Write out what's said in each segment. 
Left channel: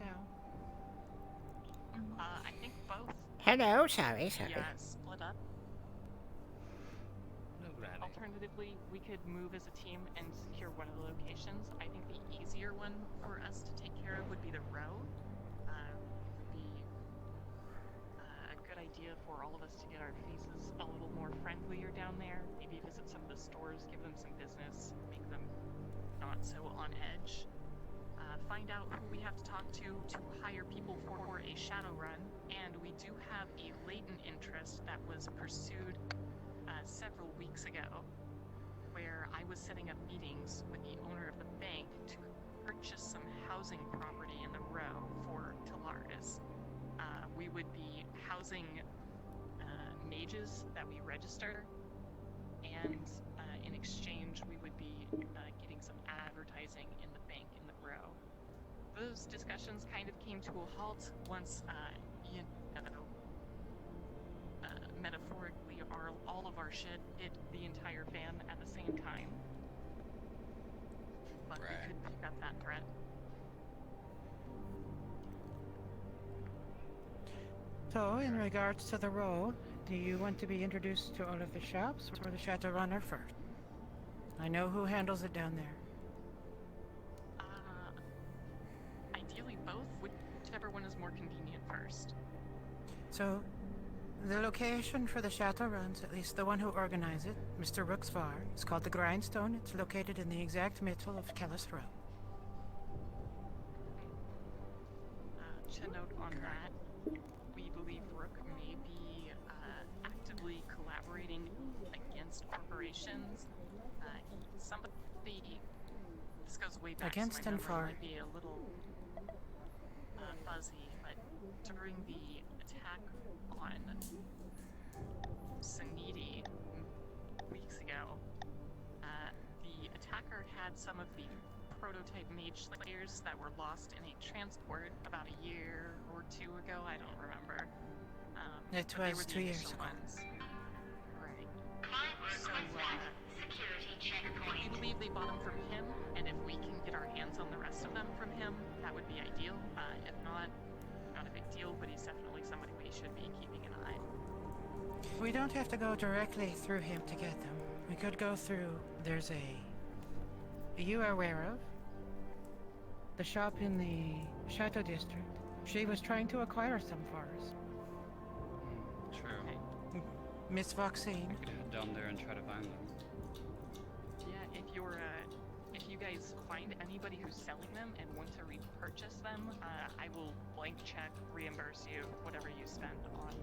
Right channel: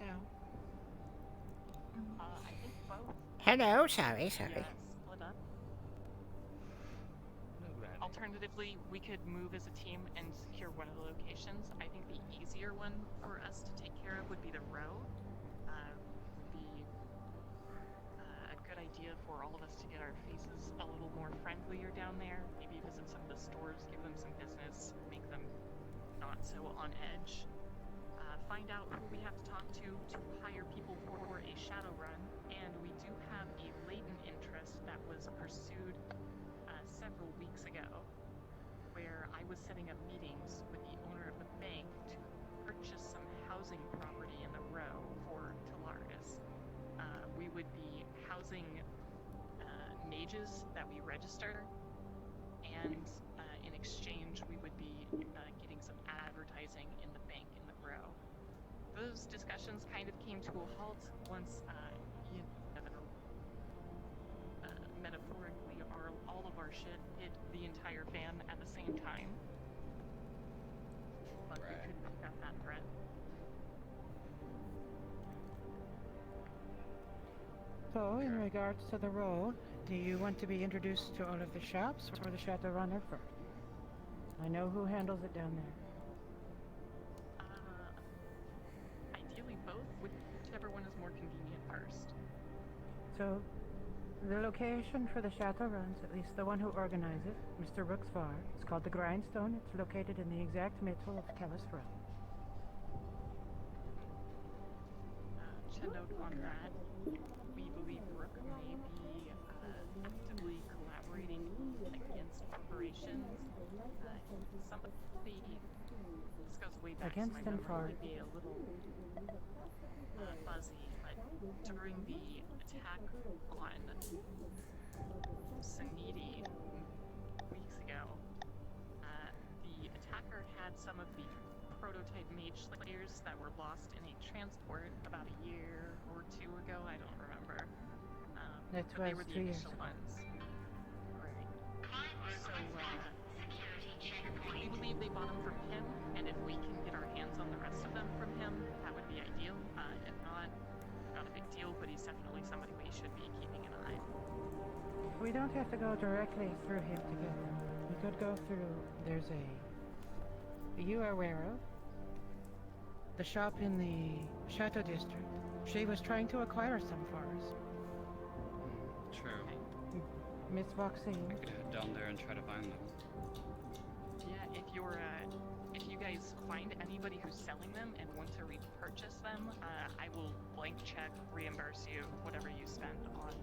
No. I think both Hello, could sorry, be sorry. split up. Hello, Granny. Alternatively, we could move as a team and secure one of the locations. I think the easier one for us to take care of would be the row. It would be a good idea for all of us to get our faces a little more friendlier down there. Maybe visit some of the stores, give them some business, make them not so on edge. Find out who we have to talk to hire people for a shadow run. And we do have a latent interest that was pursued several weeks ago, where I was setting up meetings with the owner of the bank to purchase some housing property in the row for Talaris. We would be housing mages that we register, and in exchange, we would be getting some advertising in the bank in the row. Those discussions kind of came to a halt once metaphorically, all of our shit hit the entire fan at the same time. But we could pick up that thread. So, in regards to the role, do you want to be introduced to all of the shops or the Shadow Runner first? I know who handles it down there. Ideally both, whichever one is more convenient first. So, the location for the Chateau Runs, at least the one who organizes it, Mr. Rooksvar, is called the Grindstone. It's located in the exact middle of Kellis Row. To note on that, we believe Rook may be actively collaborating against corporations. Somebody, this goes way back, Against so and my for. memory would be a little fuzzy, but during the attack on Sanidi weeks ago, the attacker had some of the prototype mage slayers that were lost in a transport about a year or two ago. I don't remember. It was 2 years ago. Right. So, we believe they bought them from him, and if we can get our hands on the rest of them from him, that would be ideal. If not a big deal, but he's definitely somebody we should be keeping an eye on. We don't have to go directly through him to get them. We could go through. There's a. You are aware of? The shop in the Chateau District. She was trying to acquire some for us. True. Miss Voxine. I could head down there and try to find them. Yeah, if you guys find anybody who's selling them and want to repurchase them, I will blank check, reimburse you whatever you spend on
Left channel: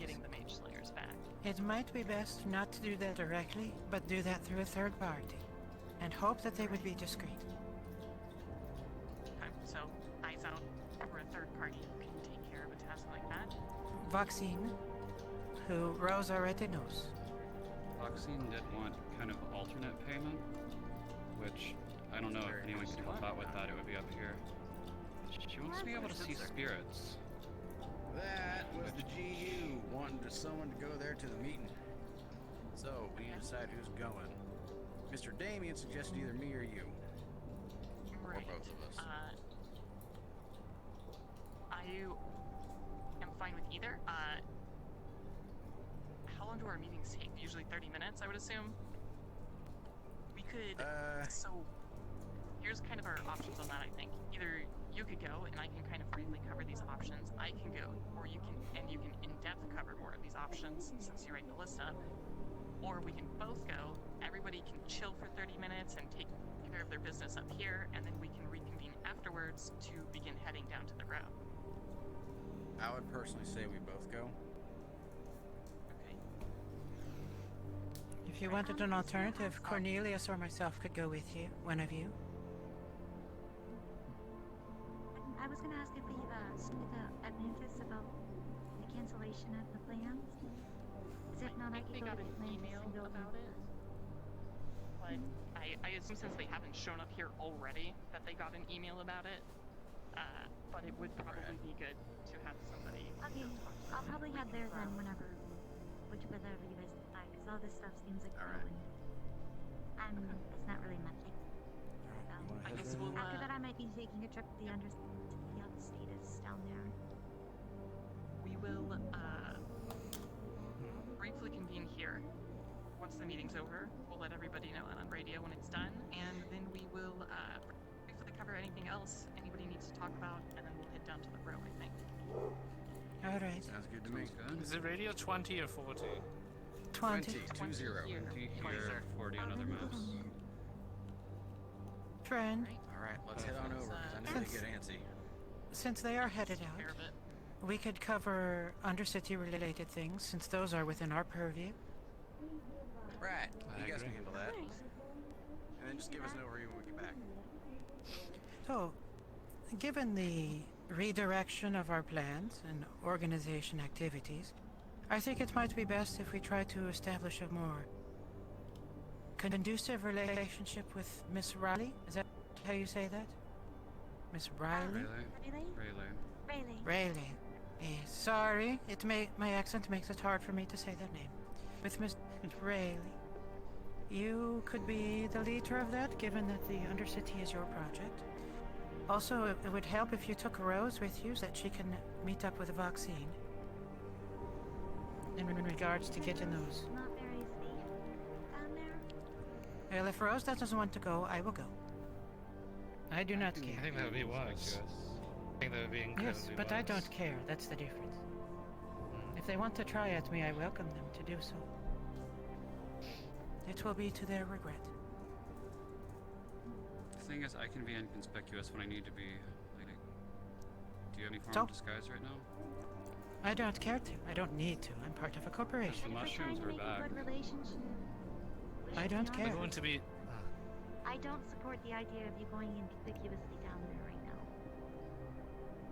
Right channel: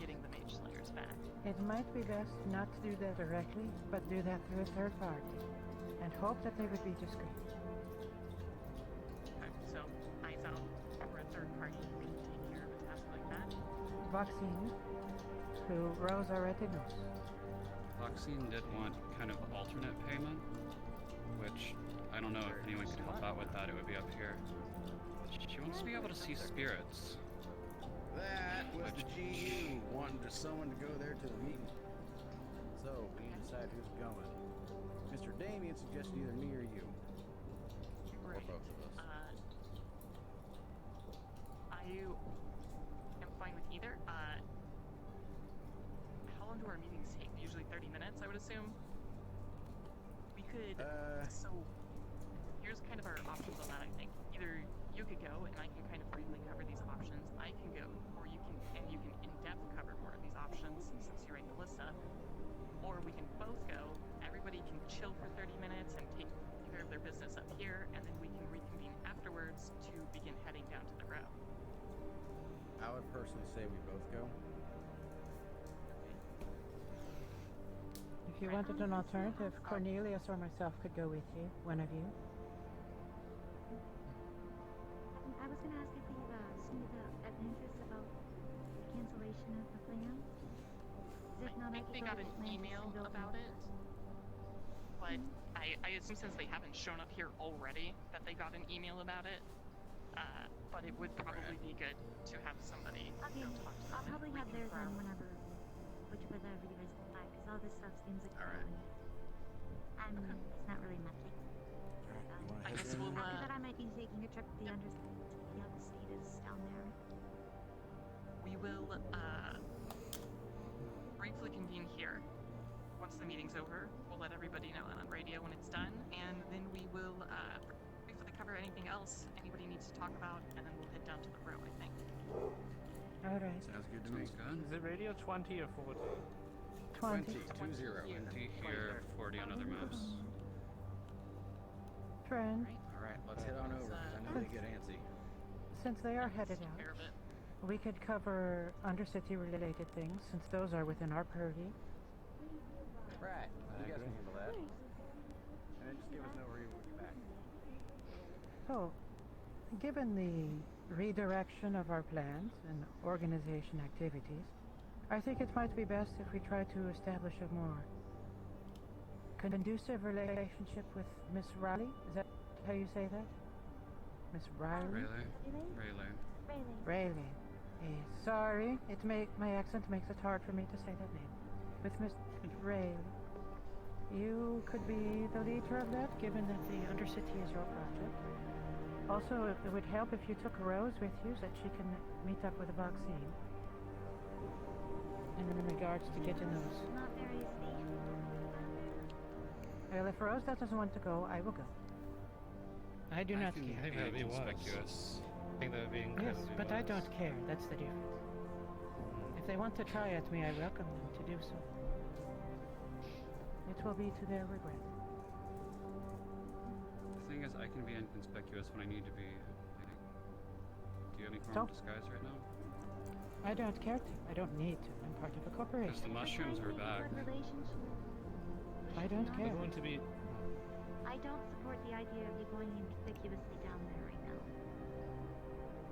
getting the mage slayers back. It might be best not to do that directly, but do that through a third party. And hope that they would be discreet. So, eyes out for a third party who can take care of a task like that. Voxine, who Rosa already knows. Voxine did want kind of alternate payment, which I don't know if anyone could help out with that. It would be up here. She wants to be able to see spirits. That was the GU wanting someone to go there to the meeting. So, we need to decide who's going. Mr. Damien suggested either me or you. Or both of us. I am fine with either. How long do our meetings take? Usually 30 minutes, I would assume. We could. So, here's kind of our options on that, I think. Either you could go and I can kind of briefly cover these options. I can go, or you can in-depth cover more of these options since you write the list up. Or we can both go. Everybody can chill for 30 minutes and take care of their business up here, and then we can reconvene afterwards to begin heading down to the road. I would personally say we both go. If you wanted an alternative, Cornelius or myself could go with you. One of you. I was going to ask if we seen the Adventus about the cancellation of the plans. Is it I not think they got an email about it, but I assume since they haven't shown up here already that they got an email about it. But it would probably be good to have somebody. Okay, I'll probably have theirs on whenever you guys decide, because all this stuff seems like Alright. it's not really magic. Alright, you want to I head guess there? we'll, After that, I might be taking a trip to the Undercity. is down there? We will briefly convene here. Once the meeting's over, we'll let everybody know on radio when it's done, and then we will briefly cover anything else anybody needs to talk about, and then we'll head down to the row, I think. All right. Sounds good to me. Sounds good. Is it radio 20 or 40? 20. 20. 20 here, 40 on other maps. Friend, All right, let's head on over. 'Cause I need to get antsy. since they are headed Take care out, of it. we could cover Undercity related things since those are within our purview. Right. You guys agree. can handle that. And then just give us an overview when we get back. So, given the redirection of our plans and organization activities, I think it might be best if we try to establish a more conducive relationship with Miss Riley. Is that how you say that? Miss Riley? Rayleigh? Rayleigh? Rayleigh. Rayleigh. Rayleigh. Yes, sorry, my accent makes it hard for me to say that name. With Miss Rayleigh. You could be the leader of that, given that the Undercity is your project. Also, it would help if you took Rose with you so that she can meet up with a vaccine. In regards to getting those. Not very safe down there. Well, if Rose doesn't want to go, I will go. I do not can care. I think that would be wise. conspicuous. I think that would be incredibly Yes, but I wise. don't care. That's the difference. If they want to try at me, I welcome them to do so. It will be to their regret. The thing is, I can be inconspicuous when I need to be. Do you have any form So? of disguise right now? I don't care to. I don't need to. I'm part of a Because corporation. the mushrooms were back. Good relationship. I don't No, care. We're going to be. I don't support the idea of you going inconspicuously down there right now.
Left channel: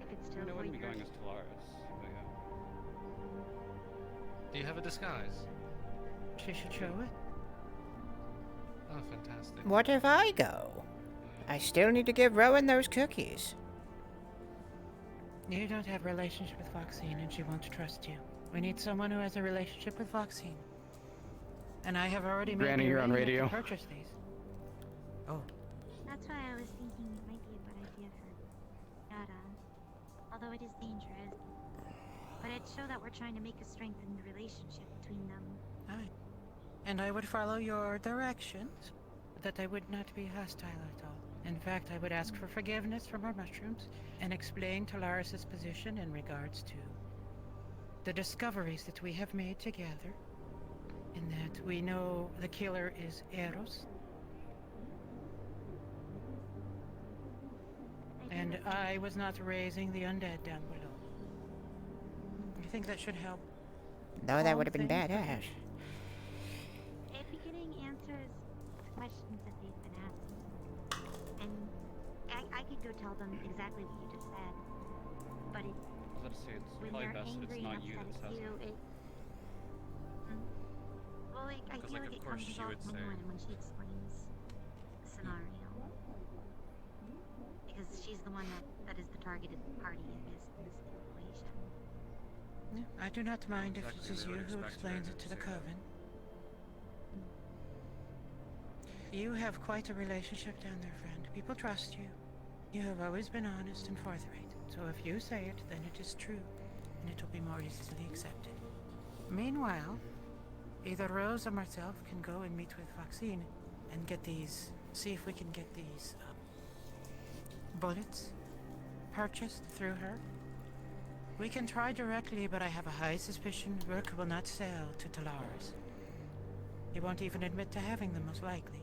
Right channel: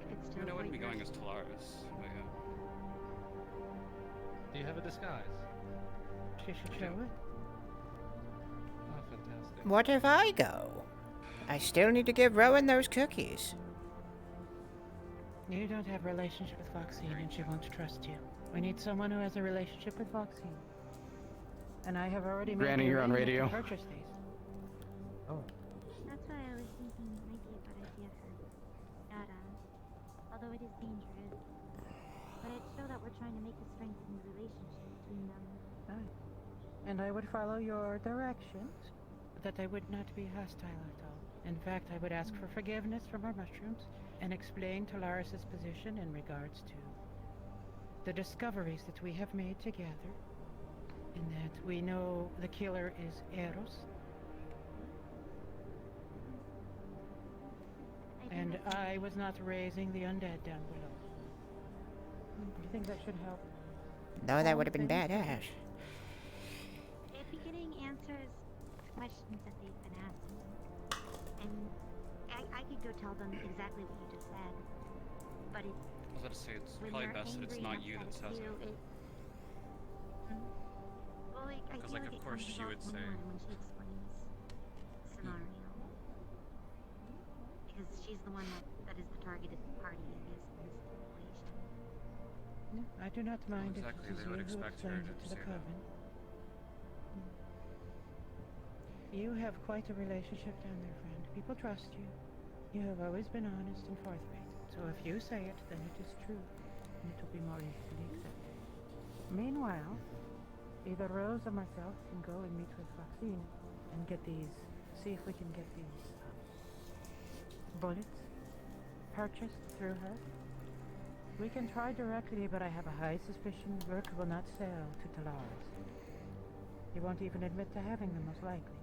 If it's I still mean, I for wouldn't be your... going as Talaris. But yeah. Do you have a disguise? She should show it. Oh, fantastic. What if I go? I still need to give Rowan those cookies. You don't have a relationship with Foxine, and she won't trust you. We need someone who has a relationship with Foxine. And I have already made Granny, the you're on arrangement to radio. purchase these. Oh, That's why I was thinking it might be a good idea to Dada. Although it is dangerous. But it'd show that we're trying to make a strengthened relationship between them. aye. And I would follow your directions, that I would not be hostile at all. In fact, I would ask for forgiveness from our mushrooms and explain to Laris's position in regards to the discoveries that we have made together, in that we know the killer is Eros, I and think that's I was not raising the undead down below. You think that should help? No, that would have been badass. If you're getting answers to questions that they've been asking, and I could go tell them exactly what you just said, but it, I was about to say, it's when probably they're best that angry it's not and you that upset says at you, it. Well, I Because, feel like, of it course comes she would out say- more when she explains the scenario. Because she's the one that is the targeted party in this situation. Yeah, I do not mind exactly, if it is they you would who expect her explains to it to the say that. coven. You have quite a relationship down there, friend. People trust you. You have always been honest and forthright. So if you say it, then it is true, and it will be more easily accepted. Meanwhile, either Rose or myself can go and meet with Foxine and get these, see if we can get these bullets purchased through her. We can try directly, but I have a high suspicion Rourke will not sell to Talaris. He won't even admit to having them, most likely.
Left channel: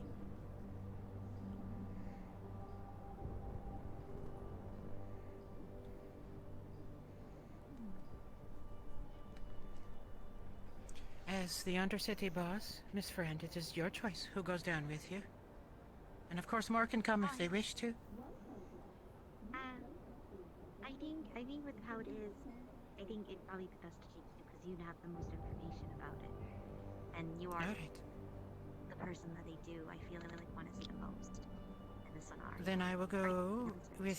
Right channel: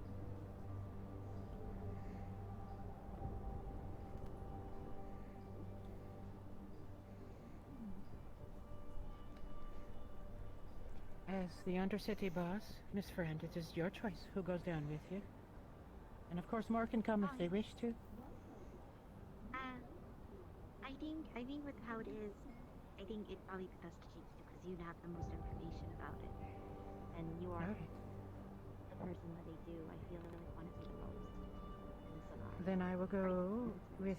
As the Undercity boss, Miss Friend, it is your choice who goes down with you. And of course more can come if they wish to. I think with how it is, I think it'd probably be best to take you because you'd have the most information about it. And you are Alright. the person that they do, I feel they really want to see the most in this scenario. Then I will go with...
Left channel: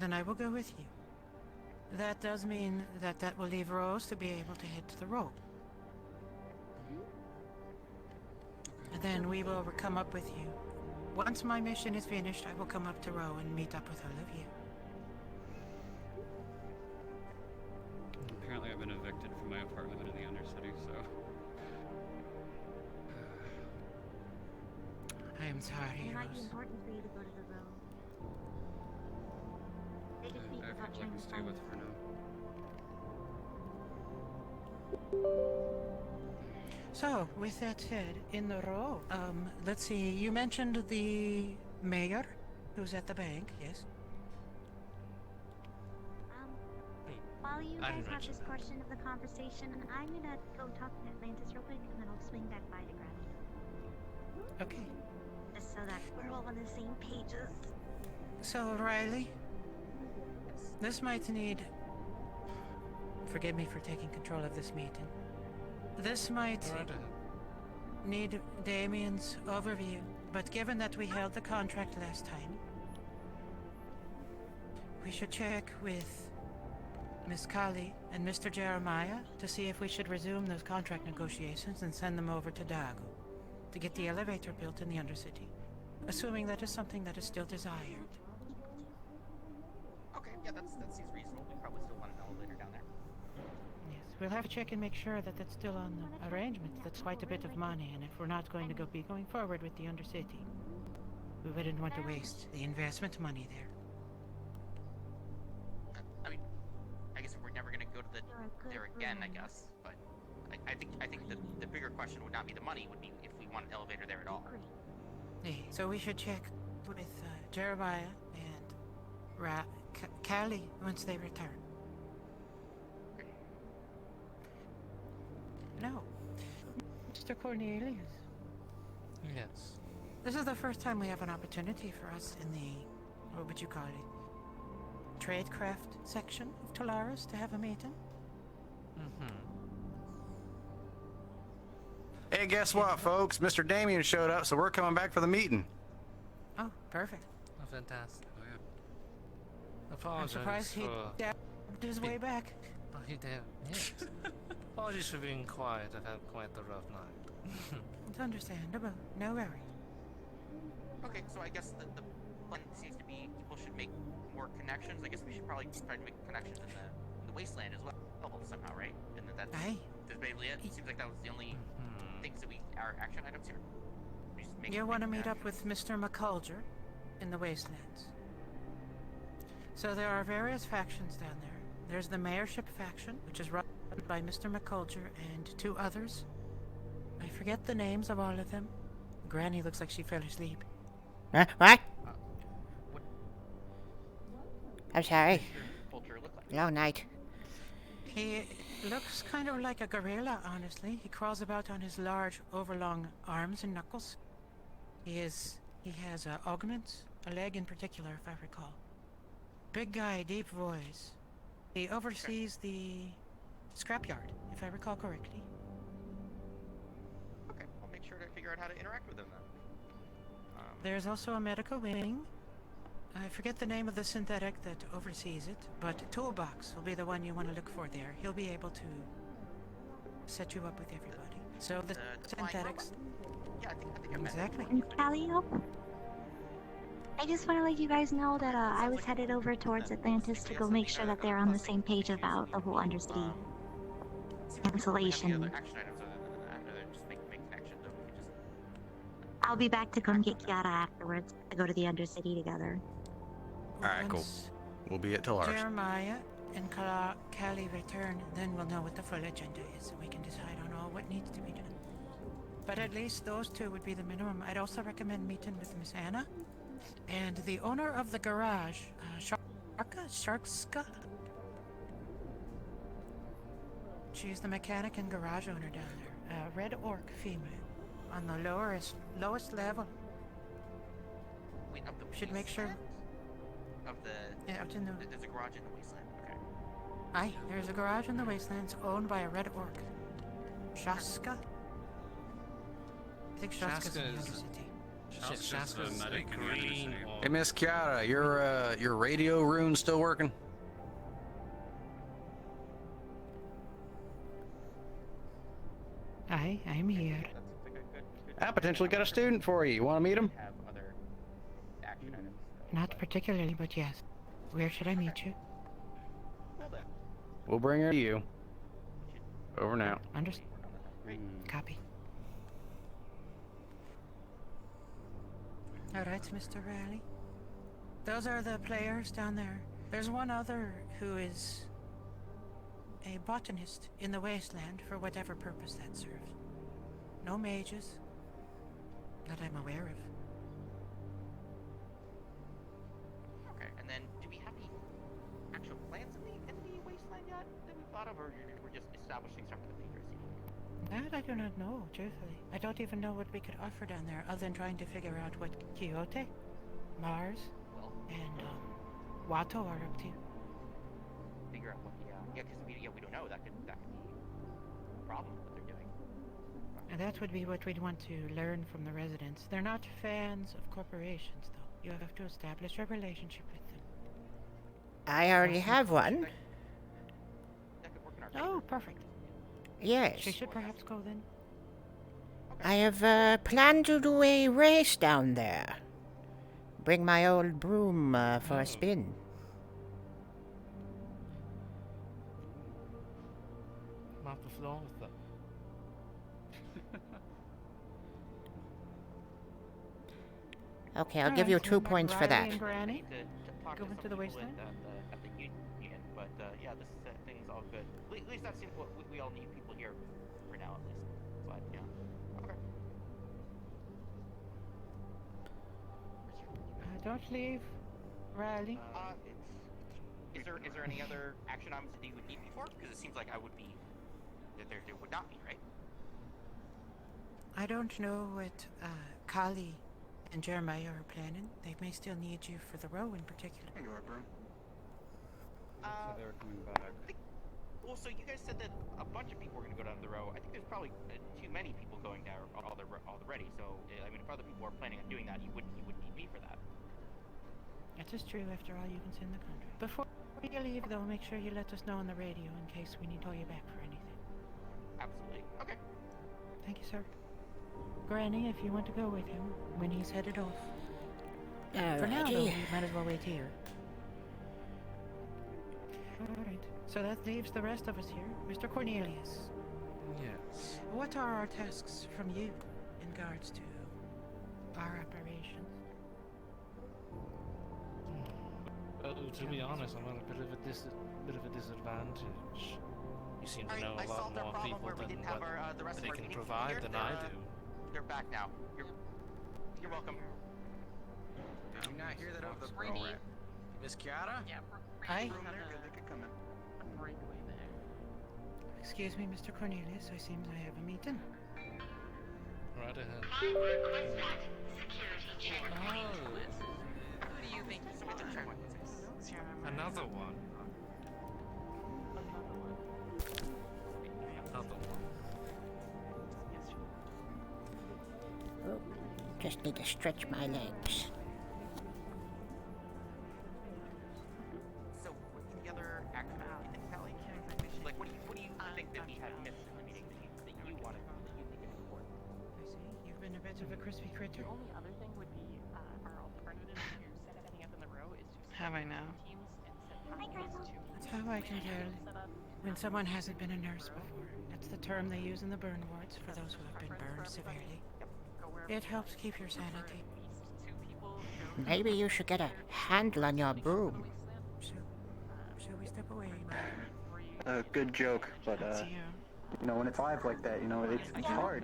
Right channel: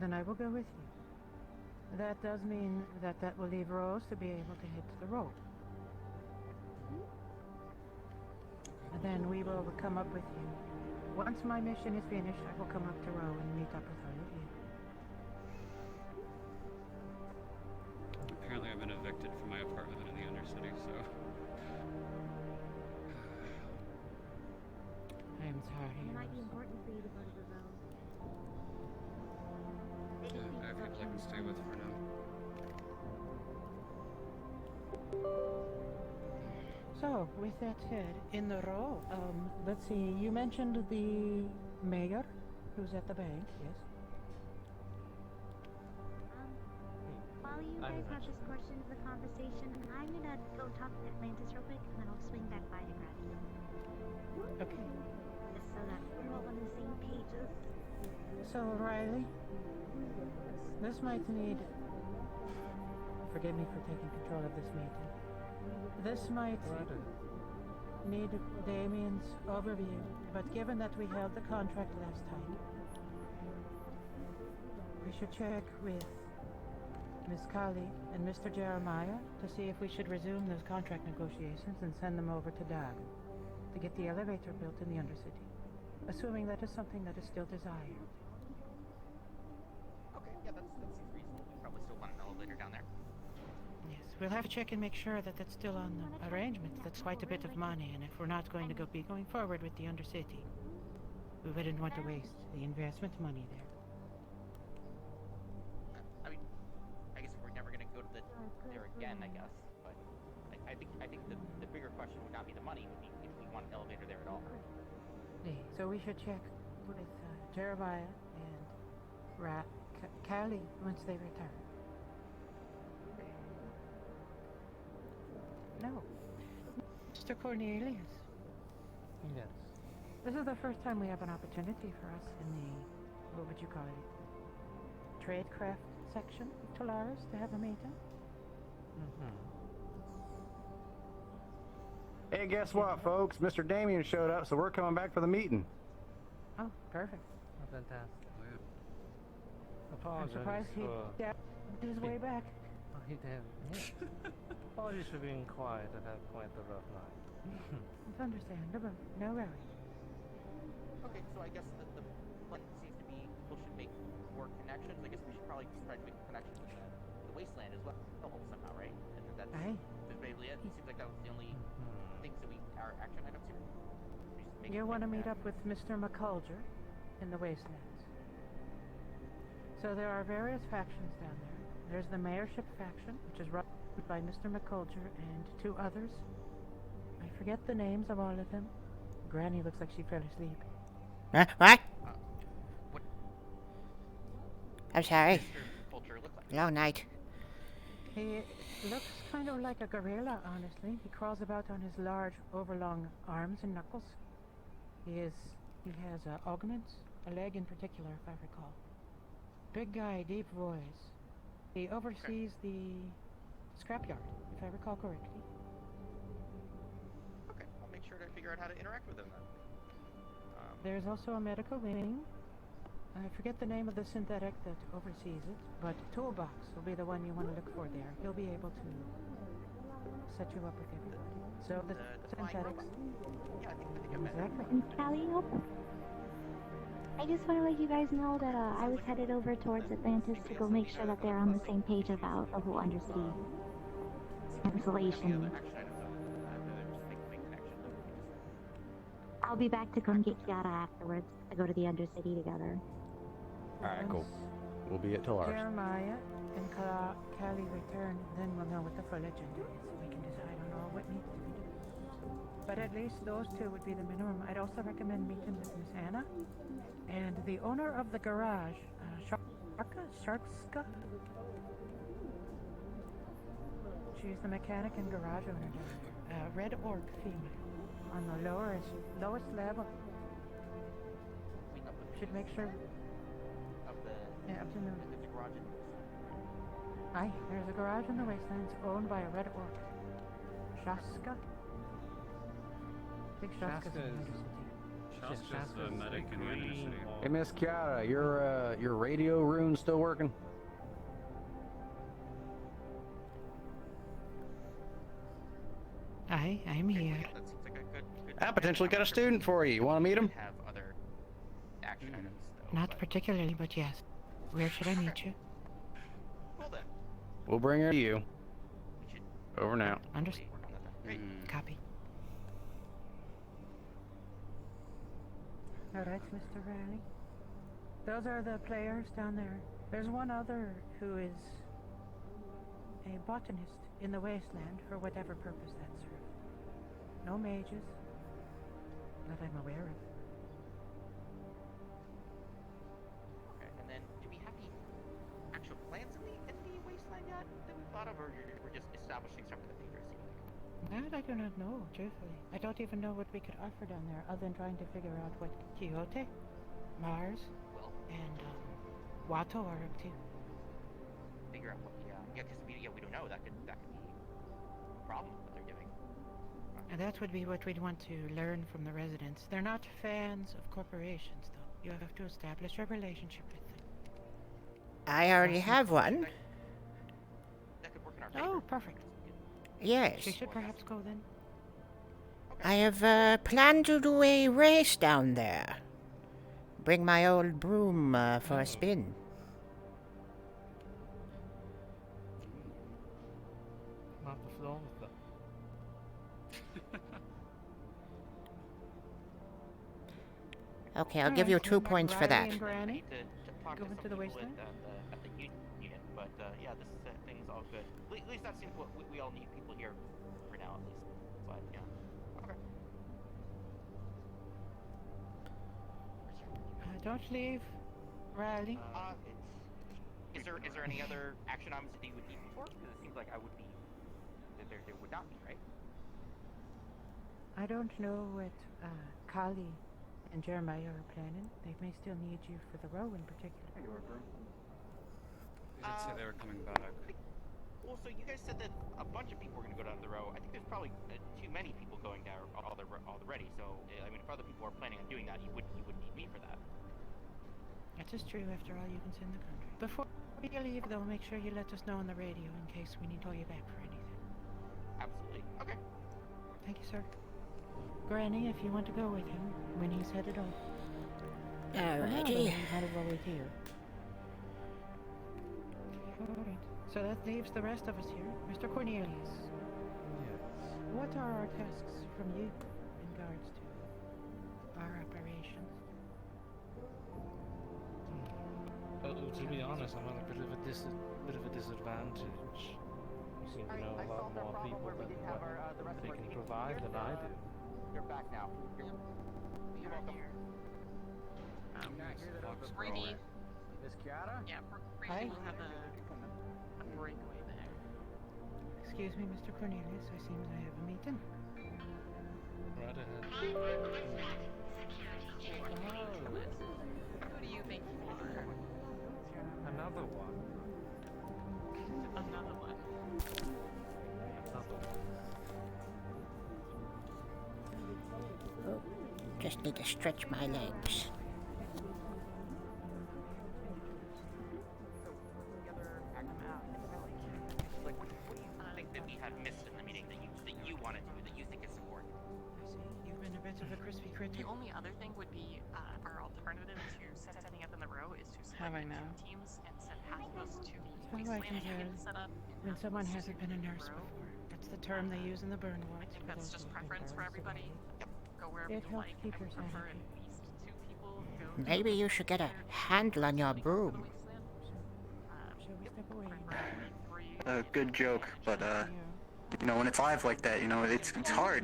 Then I will go with you. That does mean that will leave Rose to be able to head to the road. Then we will come up with you. Once my mission is finished, I will come up to Row and meet up with all of you. apparently I've been evicted from my apartment in the Undercity, so... I am sorry, It might be Rose. important for you to go to the road. I have people I can stay with for now. So, with that said, in the row, let's see, you mentioned the mayor who's at the bank, yes? While you I guys have mentioned this that. portion of the conversation, I'm gonna go talk to Atlantis real quick, and then I'll swing back by to grab you. Okay. Just so that we're all on the same pages. So, Riley, this might need... Forgive me for taking control of this meeting. This might need Damien's overview, but given that we held the contract last time, we should check with Miss Kali and Mr. Jeremiah to see if we should resume those contract negotiations and send them over to Dago to get the elevator built in the Undercity, assuming that is something that is still desired. Okay, yeah, that seems reasonable. We probably still want an elevator down there. Yes, we'll have to check and make sure that that's still on the arrangements. That's quite a bit of money, and if we're not going to be going forward with the Undercity, we wouldn't want to waste the investment money there. I mean, I guess we're never gonna go to there again, I guess. But I think the bigger question would not be the money, would be if we want an elevator there at all. Yeah, so we should check with Jeremiah and Callie once they return. No. Mr. Cornelius, Yes. this is the first time we have an opportunity for us in the, what would you call it, tradecraft section of Tolaris to have a meeting. Hey, guess what, folks? Mr. Damien showed up, so we're coming back for the meeting. Oh, perfect. Oh, fantastic. I'm Apologies surprised he for... dabbed his way back. Oh, he did. Yes. Apologies for being quiet. I've had quite the rough night. It's understandable. No worry. Okay, so I guess the plan seems to be people should make more connections. I guess we should probably try to make connections in the wasteland as well somehow, right? And that's Aye. basically it. It seems like that was the only things that our action items here. We just make- You want to make meet up with Mr. McCulger in the wastelands. So there are various factions down there. There's the mayorship faction, which is run by Mr. McCulger and two others. I forget the names of all of them. Granny looks like she fell asleep. What? what I'm sorry. does Vulture look like? Long night. He looks kind of like a gorilla, honestly. He crawls about on his large, overlong arms and knuckles. He has augments, a leg in particular, if I recall. Big guy, deep voice. He oversees the scrapyard, if I recall correctly. Okay, I'll make sure to figure out how to interact with them then. There's also a medical wing. I forget the name of the synthetic that oversees it, but Toolbox will be the one you want to look for there. He'll be able to set you up with everybody. So the synthetics. Yeah, I think I'm Exactly. And Callio, I just want to let you guys know that I was headed over towards Atlantis to go make sure that they're on the same page about the whole Undercity cancellation. action items I'd rather just make connections. Or we can just I'll be back to come get Kiara afterwards to go to the Undercity together. Alright, cool. Once We'll be at Tolaris. Jeremiah and Callie return, then we'll know what the full agenda is. We can decide on all what needs to be done. But at least those two would be the minimum. I'd also recommend meeting with Miss Anna and the owner of the garage, Sharkska. She's the mechanic and garage owner down there. Red Orc female. On the lowest level. clean up the Should make sure. of the. Yeah, out in the. There's a garage in the wasteland. Okay. Aye, there's a garage in the wastelands owned by a Red Orc. Shaska? I think Shaska's in the Shaska is- Undercity. Shaska's the Shaska's medic in the green Undercity. Hey, Miss Kiara, your radio rune still working? Aye, I'm here. That seems like a good I potentially got a student for you. You want to meet him? have other action items. Not particularly, but yes. Where should I meet you? Well then. We'll bring her to you. Over now. Copy. Alright, Mr. Raleigh. Those are the players down there. There's one other who is a botanist in the wasteland for whatever purpose that serves. No mages that I'm aware of. Okay, and then do we have any actual plans in the wasteland yet that we've thought of, or we're just establishing stuff for the future? It seems like. That I do not know, truthfully. I don't even know what we could offer down there other than trying to figure out what Quixote, Mars, Well, and Watto are up to. figure out what because we don't know. That could be a problem what they're doing. And that would be what we'd want to learn from the residents. They're not fans of corporations, though. You have to establish a relationship with them. I already have one. That could work in our favor. Oh, perfect. Yes. We should perhaps go then. I have planned to do a race down there. Bring my old broom for a spin. Not as long as that. Okay, I'll give you 2 points for that. I need to talk Go to into some the people wasteland? at the union, but yeah, this thing's all good. At least that seems what we all need people here for now, at least. But yeah, okay. Don't leave, Riley. Is there any other action items that you would need me for? Because it seems like I would be that there would not be, right? I don't know what Kali and Jeremiah are planning. They may still need you for the row in particular. They did say they were coming back. Well, so you guys said that a bunch of people were going to go down the row. I think there's probably too many people going down already. So I mean, if other people are planning on doing that, you would need me for that. That is true. After all, you can send the country. Before you leave, though, make sure you let us know on the radio in case we need to call you back for anything. Absolutely. Okay. Thank you, sir. Granny, if you want to go with him when he's headed off. For now, though, Alrighty. might as well wait here. Alright. So that leaves the rest of us here. Mr. Cornelius. Yes. What are our tasks from you in regards to our operation? To be honest, I'm at a bit of a disadvantage. You seem to know a lot more people than what they can provide than I do. They're back now. You're welcome. You not hear that over the Brady. Miss Kiara? Yeah, Hi. Brady will have a breakaway there. Excuse me, Mr. Cornelius. I seem to have a meeting. Right ahead. Another one. Another one. Oh, just need to stretch my legs. So, the other action like what do you think that we had missed in the meeting that you wanted that you think is important? I see. You've been a bit of a crispy critter. The only other thing would be our alternative to setting up in the row is to How I know? teams and send pathways to That's how I can tell set up when someone hasn't been a nurse before. That's the term they use in the burn wards for That's those just who have been preference for burned everybody. severely. Go wherever It you helps like. keep your Prefer sanity. two people go Maybe you should get a handle on your broom. So, shall we step away? Good joke, but See you. when it's live like that, it's hard,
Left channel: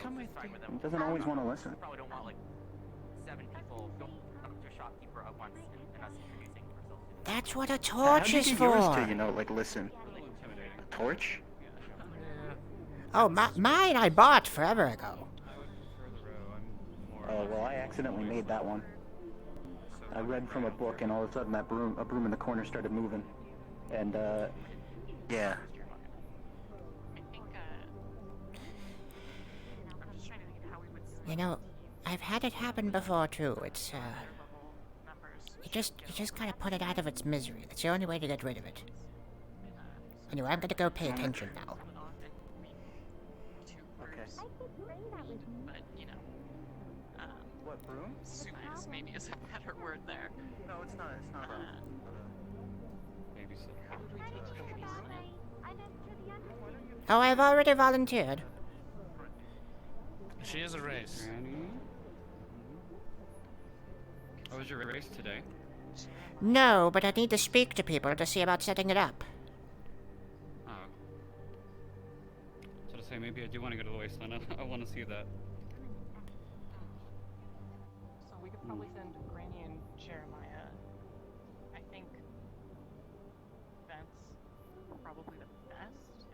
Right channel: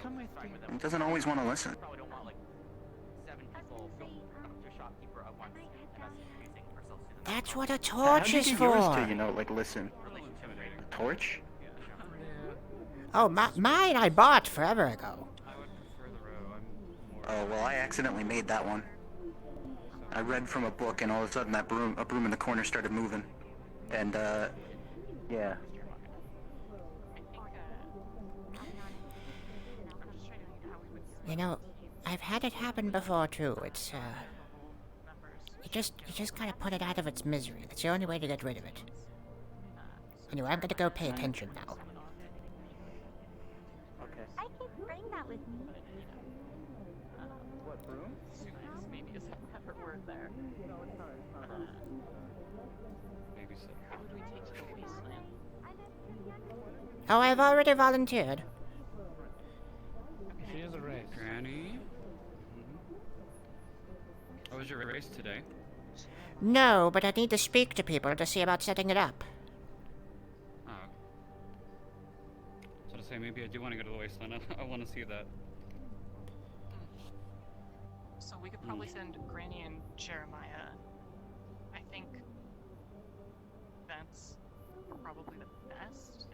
Come with me. It doesn't always want to listen. Probably don't want like 7 people going up to a shopkeeper at once and us introducing ourselves to them. That's what a How torch do you is get for. yours to, listen? A torch? Oh, mine I bought forever ago. Oh, well, I accidentally made that one. I read from a book, and all of a sudden a broom in the corner started moving. And, yeah. I've had it happen before too. It's you just gotta put it out of its misery. That's the only way to get rid of it. Anyway, I'm gonna go pay attention now. Okay. I could bring that with me. But, What, broom? soothes maybe is a better word there. No, it's not. It's not. Maybe so. Who would we take to the wasteland? Oh, I've already volunteered. She is a race. Granny? Oh, was your race today? No, but I need to speak to people to see about setting it up. Oh. So to say, maybe I do want to go to the wasteland. I want to see that. So we could probably send Granny and Jeremiah. I think that's probably the best.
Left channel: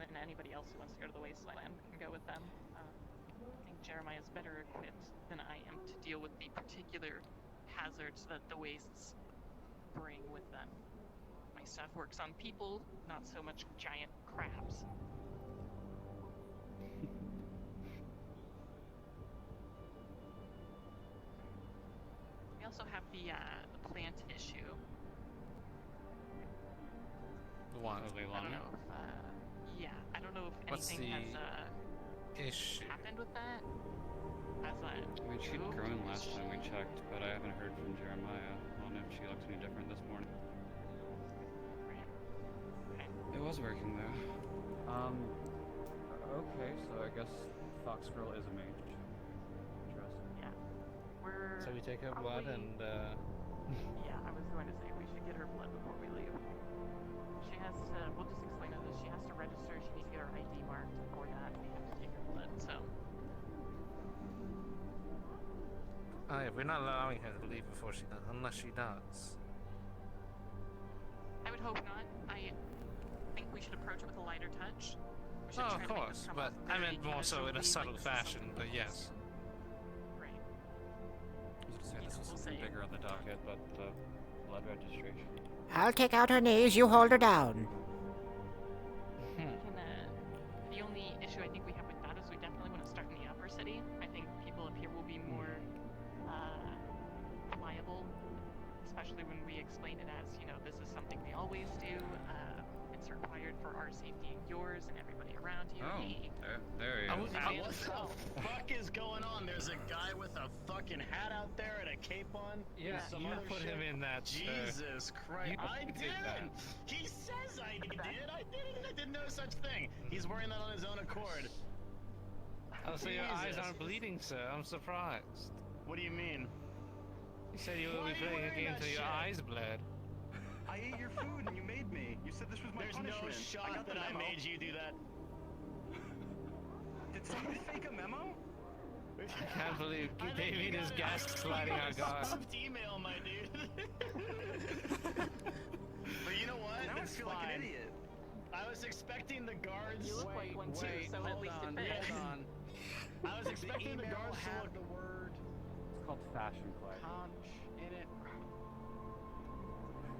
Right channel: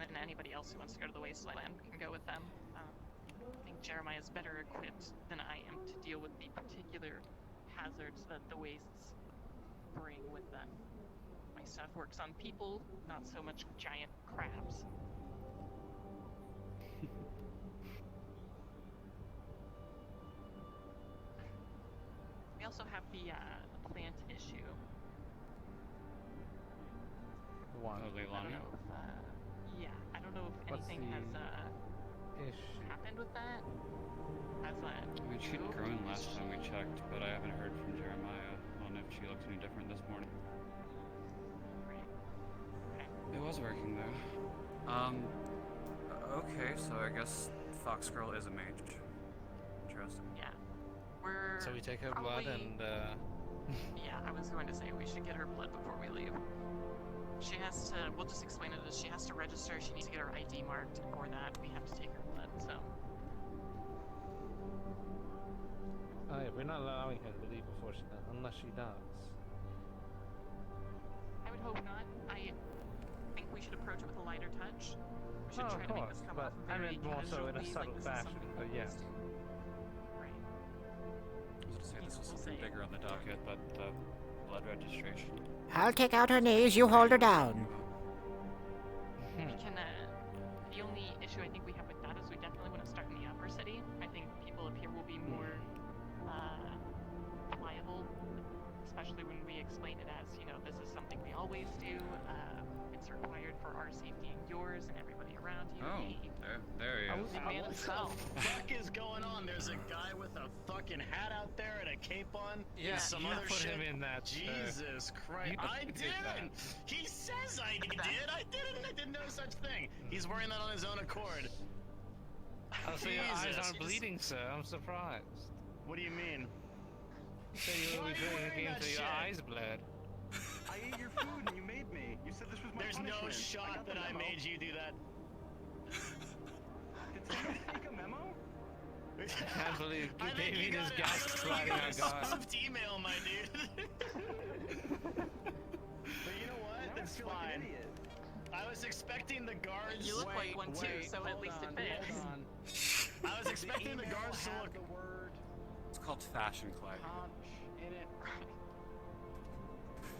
And then anybody else who wants to go to the wasteland can go with them. I think Jeremiah is better equipped than I am to deal with the particular hazards that the wastes bring with them. My stuff works on people, not so much giant crabs. We also have the plant issue. The one. Oh, Leilani? Yeah, I don't know if What's anything the has issue? happened with that. Has that? I mean, she'd grown last time we checked, but I haven't heard from Jeremiah on if she looks any different this morning. It was working though. Okay, so I guess Fox Girl is a mage. Interesting. Yeah. We're. So we take her blood probably- and Yeah, I was going to say we should get her blood before we leave. She has to. We'll just explain it as she has to register. She needs to get her ID marked, and for that we have to take her blood. So. oh yeah, we're not allowing her to leave before she does, unless she does. I would hope not. I think we should approach with a lighter touch. We should Oh, try of to make course, this come but off I very meant more so in a casually, subtle like this is fashion, something but we yes. Right. I was gonna say this was We'll something see. bigger on the docket, but the blood registration. I'll take out her knees, you hold her down. We can, the only issue I think we have with that is we definitely want to start in the upper city. I think people up here will be more pliable, especially when we explain it as, you know, this is something we always do. It's required for our safety and yours and everybody around you. Oh, there he is. What the fuck is going on? There's a guy with a fucking hat out there and a cape on. Yeah, and some you other put shit. him in that. Jesus Christ! you I did didn't. that. He says I did. I didn't. I did no such thing. He's wearing that on his own accord. Oh, so your eyes Jesus. aren't bleeding, sir. I'm surprised. What do you mean? You said you Why were are you wearing looking that until your shit? eyes bled. I ate your food and you made me. You said this was my There's punishment. no shot that I made you do that. Did somebody send a memo? I can't believe I think David you is got a- gaslighting our guard. Soft email, my dude. But you know what? Now I It's feel like an fine. idiot. I was expecting the guards. You look like one too, wait, so at hold least it on, fits. hold on. I was expecting the, email guards to had look. the word It's called fashion clay. conch in it.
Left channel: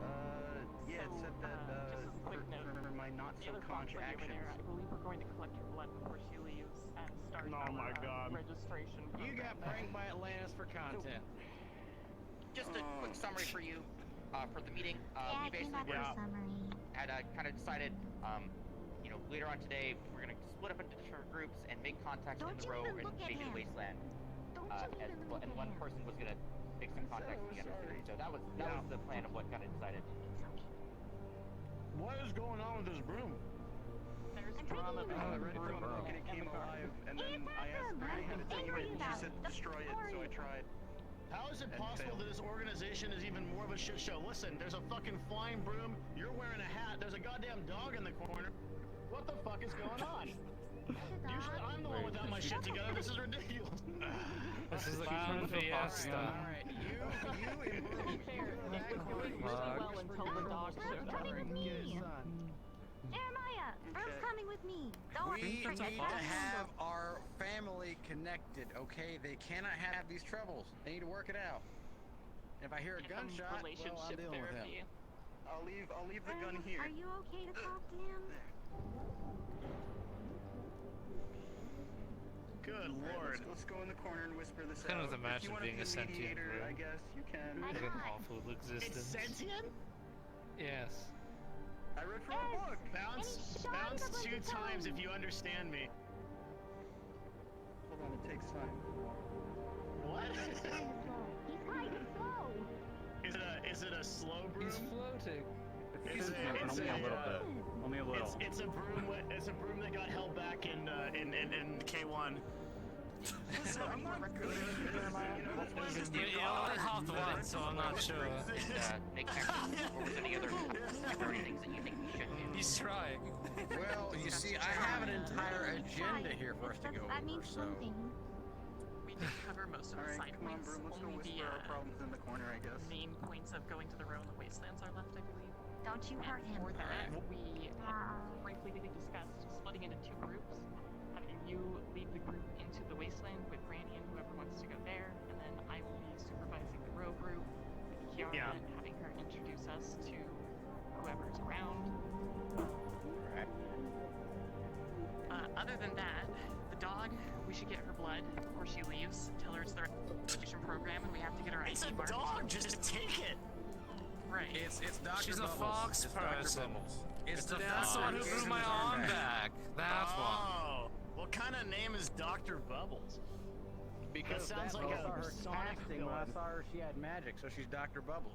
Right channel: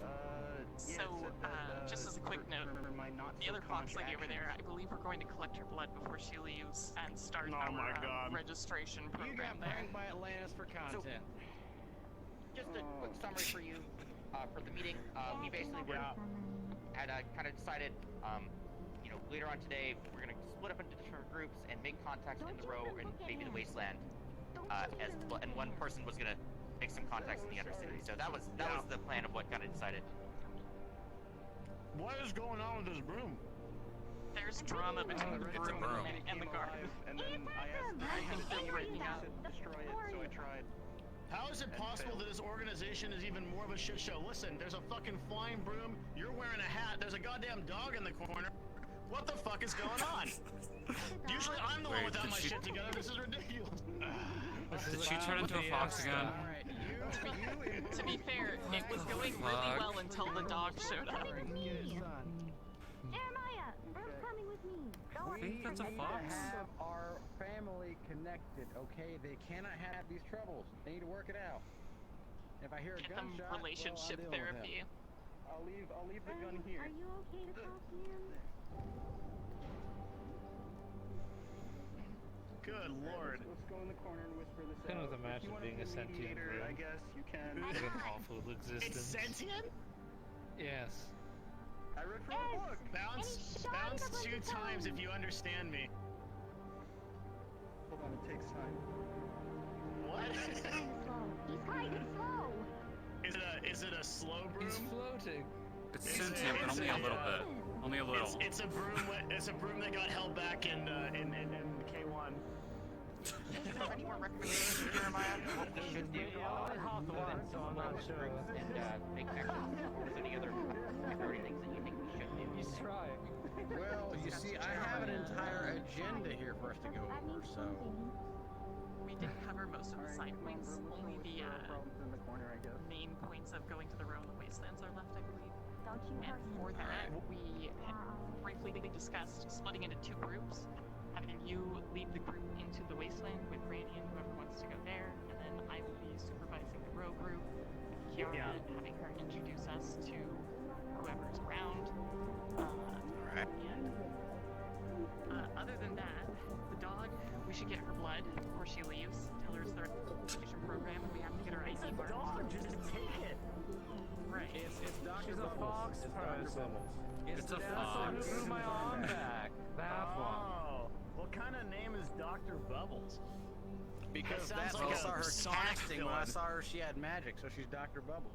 Yeah, So, it said that, just as a quick note, for my not The so other conch conch lady over actions. there, I believe we're going to collect her blood before she leaves and start Oh our my God. registration program. You got pranked by Atlantis for content. Just a quick summary for you for the meeting. We Yeah, basically give were us a summary. had kind of decided, you know, later on today we're gonna split up into different groups and make contacts in the row and maybe the wasteland. And one person was gonna make some contacts in the other city. So that was the plan of what got decided. What is going on with this broom? There's I'm drama taking between you the I read room from a book and and it came the garden. alive, and then I asked What him to story do it, and he about? said What destroy it, story so I about? tried. How is it And possible failed. that this organization is even more of a shit show? Listen, there's a fucking flying broom. You're wearing a hat. There's a goddamn dog in the corner. What the fuck is going on? Usually I'm the one Wait, without did my she- shit together. This is ridiculous. This is She turned into a fox fiesta. again. Alright, you To be fair, it was going really well until the dog showed up. Coming with me. Get it done. Jeremiah, Bruce coming with me. Don't We worry. need that's a to fox. have our family connected, okay? They cannot have these troubles. They need to work it out. If I hear a Get them gunshot, relationship well, I'm dealing with therapy. him. I'll leave the gun Are here. you okay to talk to him? Good lord. Let's go in the corner and whisper this Couldn't out. imagine If you wanna being be a sentient mediator, broom. I guess you can. I What an got- awful It's existence. sentient? Yes. I read from a Yes. book. Bounce, And he shot bounce him a bunch 2 of times if times. you understand me. Hold on, it takes time. What? He's kind of slow. Is it a slow broom? floating. It's sentient, but only a little bit. Only a little. It's a broom. It's a broom that got held back in K1. Does it have any more recreation? half the one, so I'm not sure. And make memories or any other things that you think we should do. He's trying. Well, you see, I have an entire agenda here for us to go That over, means so... something. We did cover most of the side points. Only the main points of going to the row and the wastelands are left, I believe. Don't you hurt And him. for that, we briefly discussed splitting into 2 groups, having you lead the group into the wasteland with Granny and whoever wants to go there, and then I will be supervising the row group with Kiara and having her introduce us to whoever's around. Other than that, the dog, we should get her blood before she leaves. Tell her it's the registration program. We have to get her It's ID a card. dog. Just take it. Right. It's Dr. She's a fox person. It's the That's the one who threw my arm back. That one. Oh, what kind of name is Dr. Bubbles? Because That sounds that's like also a her Sonic casting. When I villain. saw her, she had magic, so she's Dr. Bubbles.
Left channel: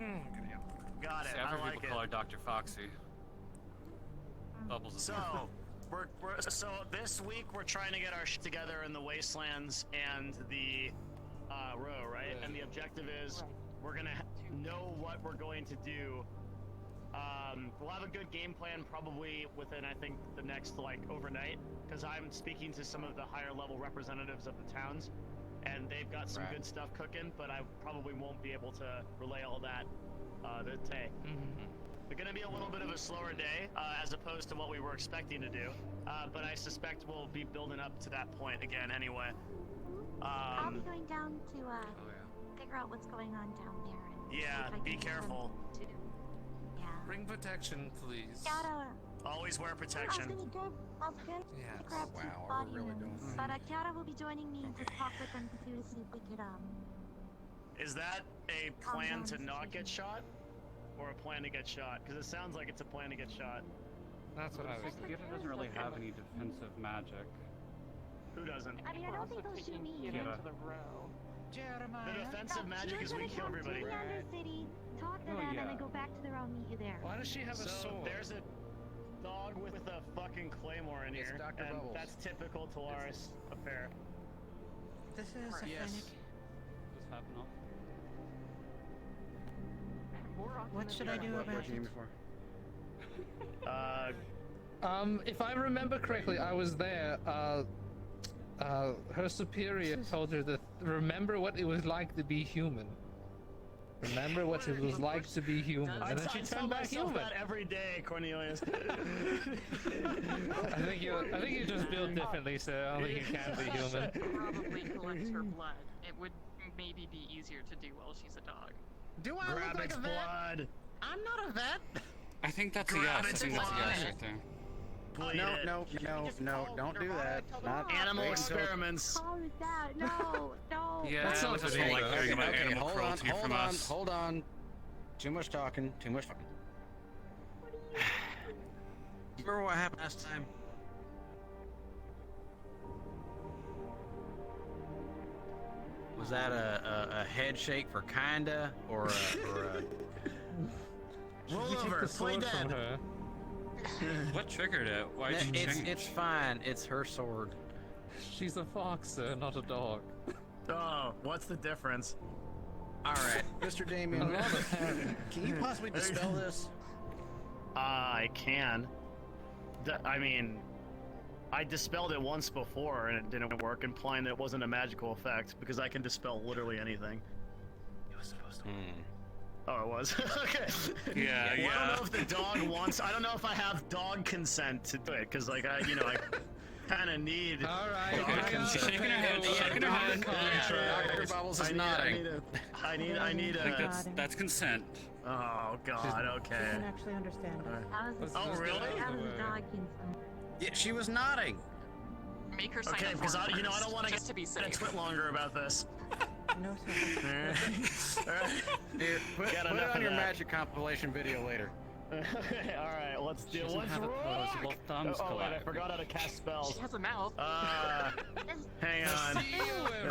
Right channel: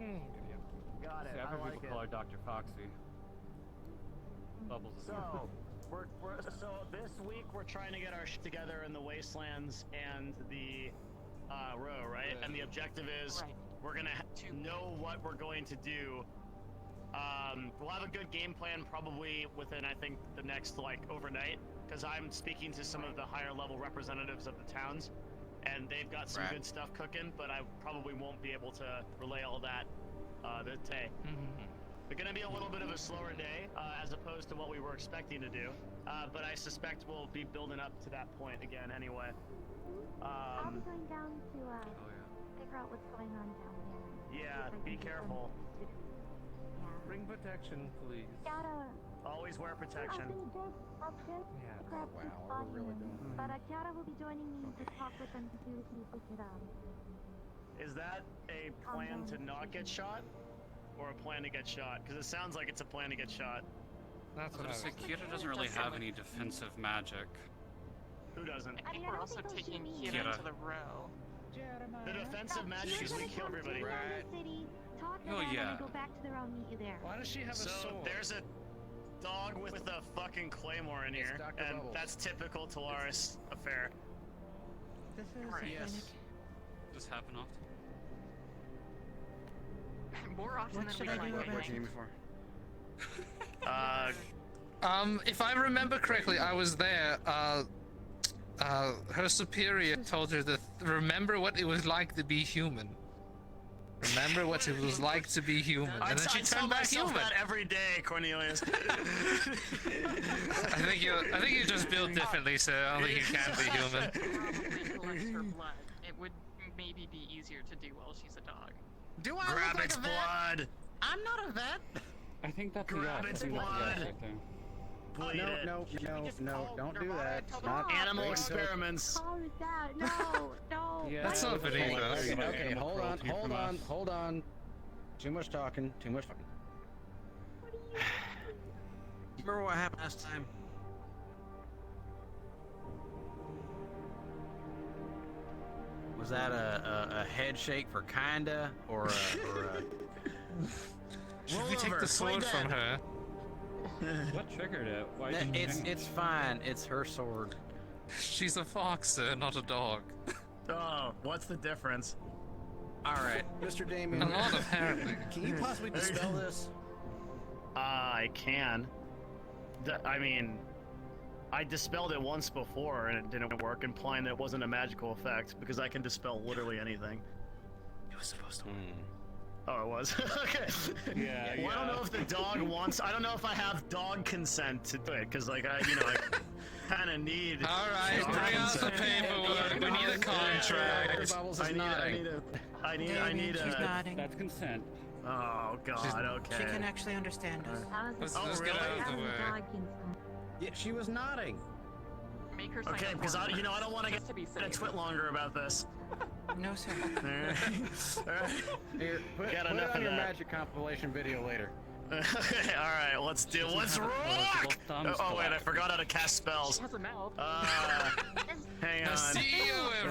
Got it. See, I I've heard like people it. call her Dr. Foxy. Bubbles is So, so this week we're trying to get our shit together in the wastelands and the row, right? And the objective is we're gonna know what we're going to do. We'll have a good game plan probably within, I think, the next overnight, because I'm speaking to some of the higher level representatives of the towns, and they've got some good stuff cooking. But I probably won't be able to relay all that today. It's going to be a little bit of a slower day as opposed to what we were expecting to do, but I suspect we'll be building up to that point again anyway. I'll be going down to figure out what's going on down there. And Yeah, see if I be can get careful. something to do. Yeah. Bring protection, please. Kiara, Always wear I was protection. gonna grab some Wow, are we body really oils, doing but Kiara will be joining me to talk with them to see if we could Is that a plan to not get shot? Or a plan to get shot? Because it sounds like it's a plan to get shot. That's what I was So thinking. Kira doesn't really have any defensive magic. Who doesn't? I mean, I We're don't also think they'll shoot taking me. Kira Kira. to the row. The defensive magic is we kill everybody. Down to the city, talk to Oh, them, and yeah. then go back to the row and meet you there. Why does she have a So sword? there's a dog with a fucking claymore in It's here, Dr. and Bubbles. that's typical Talaris affair. This is a Yes. clinic. Does happen often? More often What than should we I do like. about it? If I remember correctly, I was there. Her superior told her to remember what it was like to be human. Remember what it was like to be human, and then she turned back human. That every day, Cornelius. I think you just built differently, so I don't think you can be human. Probably collect her blood. It would maybe be easier to do while she's a dog. Do I Grab look like its a vet? blood. I'm not a vet. I think that's a Grab yes. I its think that's a blood. yes right there. Bleed it. No, just no, call don't do Nirvana that. and tell Not them- Animal don't- experiments. Call it that. No, no. Yeah, That's I not wasn't okay, like hearing about okay, animal hold on, cruelty hold from on, us. hold on. Too much talking, too much fucking. Remember what happened last time? Was that a head shake for kinda, or a Should we take the sword from her? What triggered it? Why No, did it change? it's fine. It's her sword. She's a fox, sir, not a dog. Oh, what's the difference? All right, Mr. Damien, can you possibly dispel this? I can. I mean, I dispelled it once before and it didn't work, implying that it wasn't a magical effect because I can dispel literally anything. It was supposed to. Oh, it was? Okay. Yeah, Well, I don't know if the dog wants. I don't know if I have dog consent to do it because, like, I kind of need All right, dog carry on, consent. people. I need a. That's consent. Oh God. She Okay. can actually understand us. That was Oh, really? That was a dog consent. Yeah, she was nodding. Make her sign Okay, up because for I it don't first, want to just get to be a safe. twit longer about this. No, sir. All right. Dude, put Got it enough on of your that. magic compilation video later. Okay, alright, let's do Doesn't what's have wrong? opposable thumbs, Oh wait, I Calliope. forgot how to cast She spells. has a mouth. Hang on. See you,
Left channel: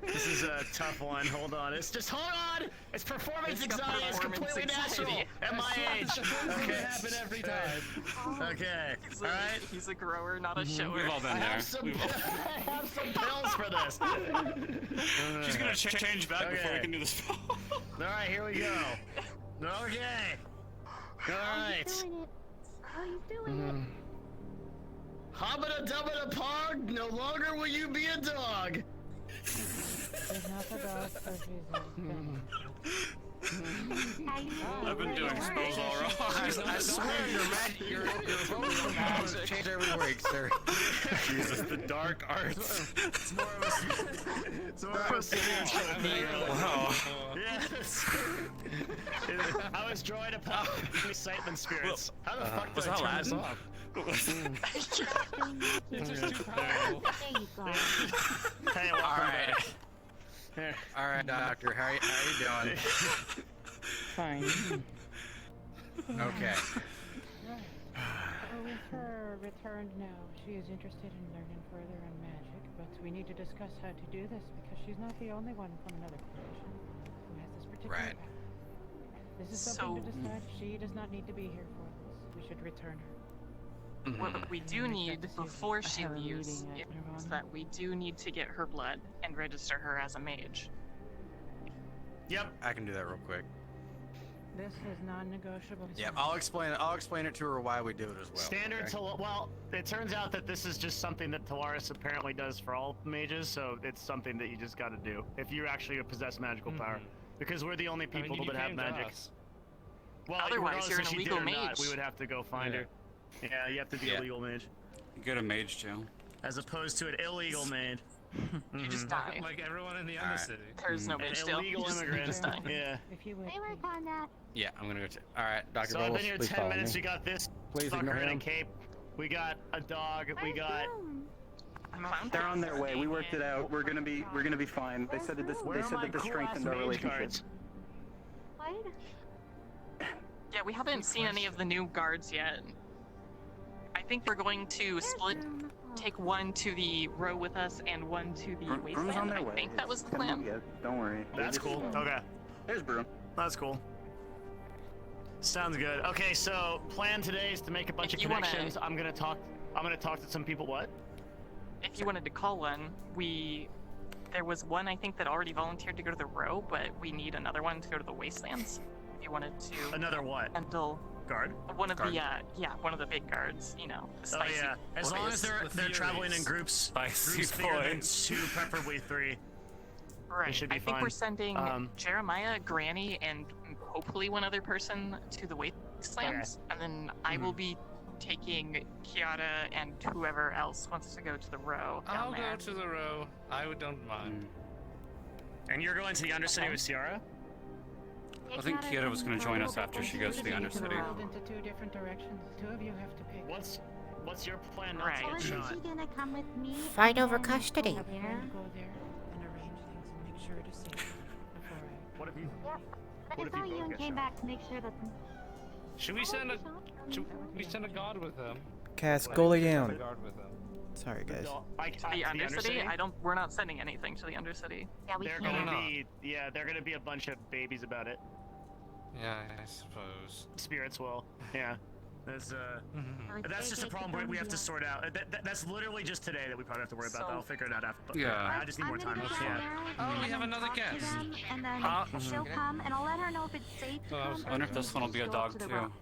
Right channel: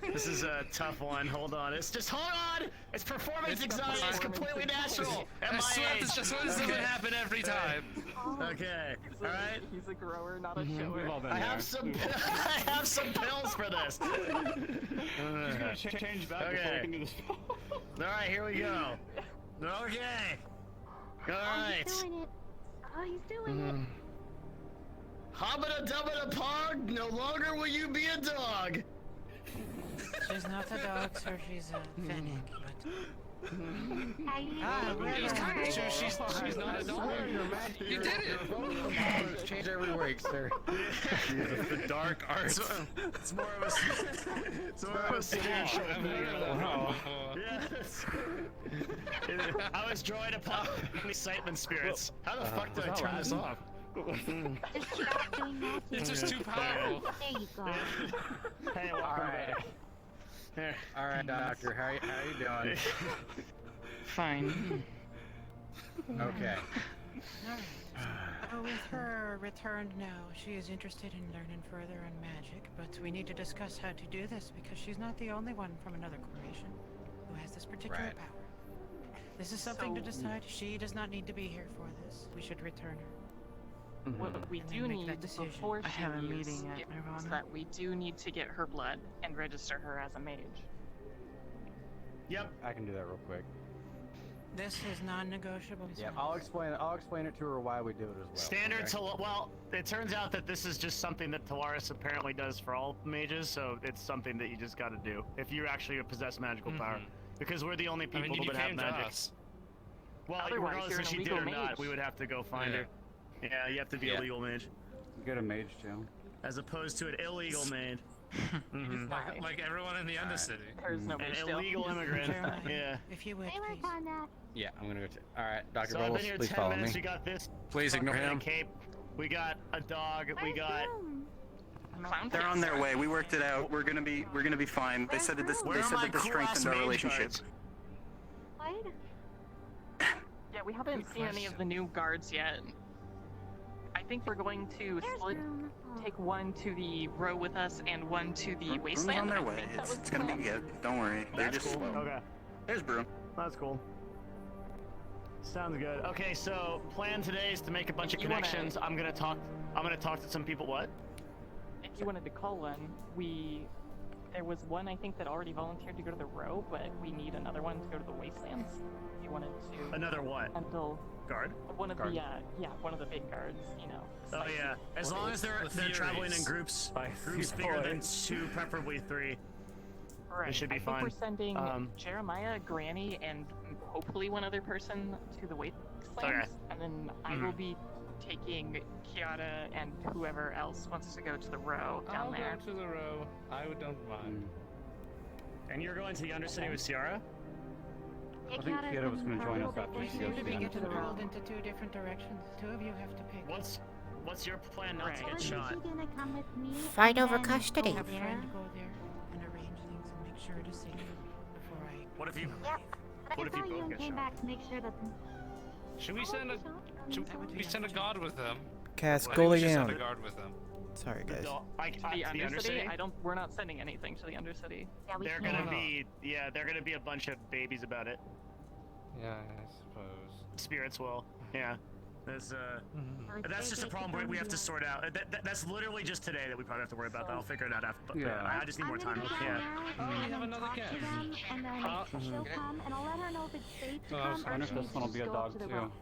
This is a tough one. Hold on. It's just hold on. It's performance anxiety. It's completely natural at my age. It's just what's gonna happen every time. Okay. He's All a, right. he's a grower, not a We've shower. all been I there. have some. I have some pills for this. She's gonna change back before Okay. we can do this. All right, here we go. Okay. All right. He's doing it. Oh, he's doing Hobbita dubbita pog, no longer will you be a dog. She's not a dog, so she's a Finnick, it. How you been doing doing it? she's not a dog. You did it. Change every word, sir. Jesus, the dark arts. It's more of a. It's more of a spiritual. I've heard of that one before. Yes. I was drawing upon excitement spirits. How the fuck did I turn this off? Stop doing that. It's just too powerful. There you go. Hey, welcome back. Here. All right, doctor. How you doing? Fine. Okay. Alright. With her returned now, she is interested in learning further in magic, but we need to discuss how to do this because she's not the only one from another corporation who has this particular Right. power. This is something to decide. She does not need to be here for this. We should return her. What we And do then make that need decision. before she I have a leaves meeting at is Nirvana. that we do need to get her blood and register her as a mage. Yep. I can do that real quick. This is non-negotiable. Yeah, sir. I'll explain it to her why we do it as well. Standard okay? well, it turns out that this is just something that Talaris apparently does for all mages, so it's something that you just gotta do if you actually possess magical power. Because we're the only people you that have came to magic. us. Well, Otherwise, regardless you're if an she did or illegal not, mage. we would have to go find Yeah. her. Yeah, you have to be a legal mage. Go to mage jail. As opposed to an illegal mage. You just die. Like everyone in the Undercity. There's no An mage jail. illegal You just immigrant. die. Yeah. If you would, They work please. on that. Yeah, I'm gonna go. All right, Dr. So I've Bubbles, been here please 10 follow minutes. me. We got this. Please ignore fucker in a him. cape. We got a dog. We Where's got. Bloom? Clown They're on face. their way. We worked it out. We're gonna be fine. They said that this Where are my strengthened cool-ass our mage relationship. cards? What? Yeah, we haven't seen any of the new guards yet. I think we're going to Where's split, Bloom? Oh. take one to the row with us and one to the Broom's on wasteland. their I way. think that was It's the gonna plan. be good. Don't worry. They're That's just cool. slow. Okay. There's Broom. That's cool. Sounds good. Okay, so plan today is to make a bunch of If you wanna- connections. I'm gonna talk to some people. What? If you wanted to call one, there was one I think that already volunteered to go to the row, but we need another one to go to the wastelands. If you wanted to Another what? handle Guard? one of the one of the big guards, you know, the Oh spicy yeah. As long as boys. they're traveling in groups, Spicy groups bigger than boys. 2, preferably 3. Right. should be I think fine. we're sending Um, Jeremiah, Granny, and hopefully one other person to the wastelands, and then I will be taking Kiara and whoever else wants to go to the row down I'll there. go to the row. I don't mind. And you're going to the Undercity with Ciara? I think Kiera was going to join us after she goes to the Undercity. Rolled into two different directions. Two of you have to pick. What's your plan not to Or get is shot? she gonna come with me? Fight and over then custody. Have a Yeah. friend go there and arrange things and make sure it is safe before I. What if you? Yep. But What I if saw you you both and get came shot? back to make sure that. Should we send a guard with them? Cast I think we goalie should send down. a guard with them. Sorry, guys. To the Undercity? We're not sending anything to the Undercity. Yeah, we They're can't. gonna be, they're gonna be a bunch of babies about it. Yeah, I suppose. Spirits will, yeah. That's that's just a problem we have to sort out. That's literally just today that we probably have to worry about. That. I'll figure it out after. Yeah. I just need more I'm time. gonna go Yeah. down there We and have then another talk to guest. them, and then she'll come, and I'll let her know if it's safe to Oh, I come. was I wonder if and this one will just be a go up dog to the too. room.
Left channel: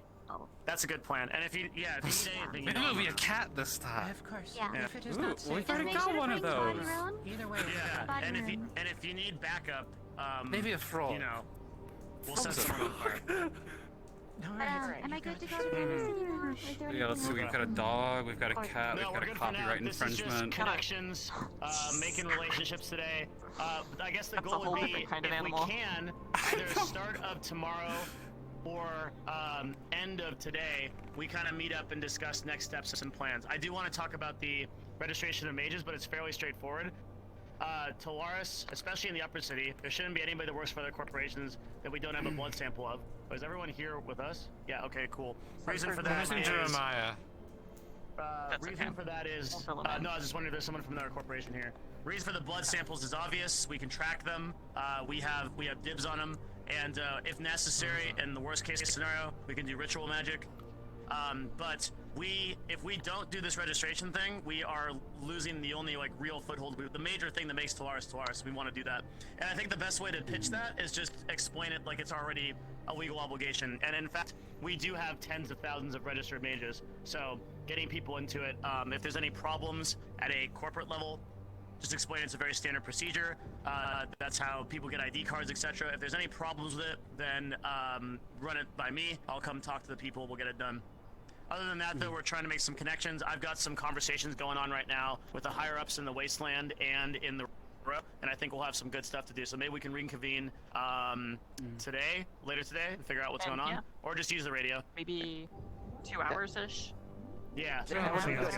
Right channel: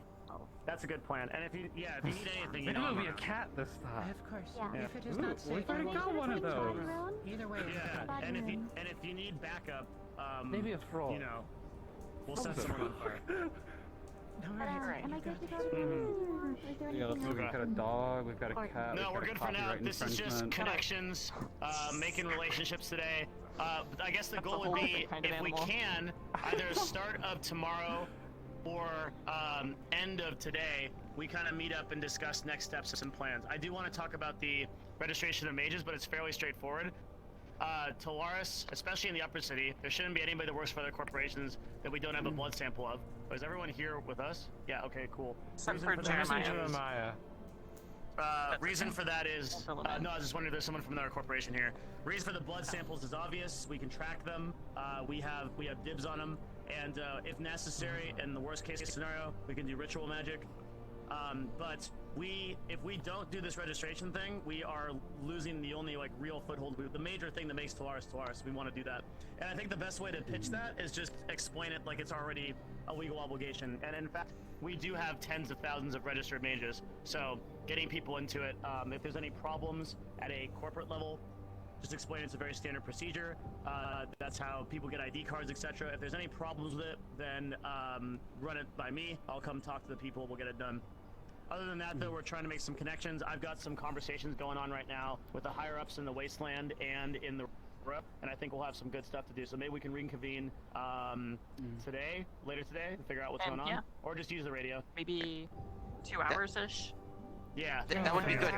That's a good plan. And if you need anything, you Maybe know. it'll be I'm a cat this time. Of course. Yeah. If it is Ooh, not we've safe, already Make got sure to one of bring Bonnie those. around. either way. Yeah. And if you need backup, Maybe a frog. you know, we'll send Frogs are someone. fun. Alright. Am I good to go to the Undercity, or is there Yeah, let's see. anything We've got a dog. We've got a cat. No, we've we're got good a for now. copyright This is just infringement. connections, making relationships today. I guess the That's a goal would whole be, different kind of if we animal. can, either start of tomorrow or end of today, we kind of meet up and discuss next steps and plans. I do want to talk about the registration of mages, but it's fairly straightforward. Talaris, especially in the upper city, there shouldn't be anybody that works for other corporations that we don't have a blood sample of. is everyone here with us? Yeah. Okay. Cool. So Reason for for that Jeremiah is- Jeremiah. reason for that is no, I was just wondering if there's someone from our corporation here. Reason for the blood samples is obvious. We can track them. We have dibs on them, and if necessary, in the worst case scenario, we can do ritual magic. But if we don't do this registration thing, we are losing the only like real foothold, the major thing that makes Talaris Talaris. We want to do that, and I think the best way to pitch that is just explain it like it's already a legal obligation. And in fact, we do have tens of thousands of registered mages, so getting people into it. If there's any problems at a corporate level, just explain it's a very standard procedure. That's how people get ID cards, etc. If there's any problems with it, then run it by me. I'll come talk to the people. We'll get it done. Other than that, though, we're trying to make some connections. I've got some conversations going on right now with the higher-ups in the Wasteland and in the row, and I think we'll have some good stuff to do. So maybe we can reconvene later today, and figure out what's going on, yeah. or just use the radio. Maybe 2 hours-ish? Yeah. That would be good.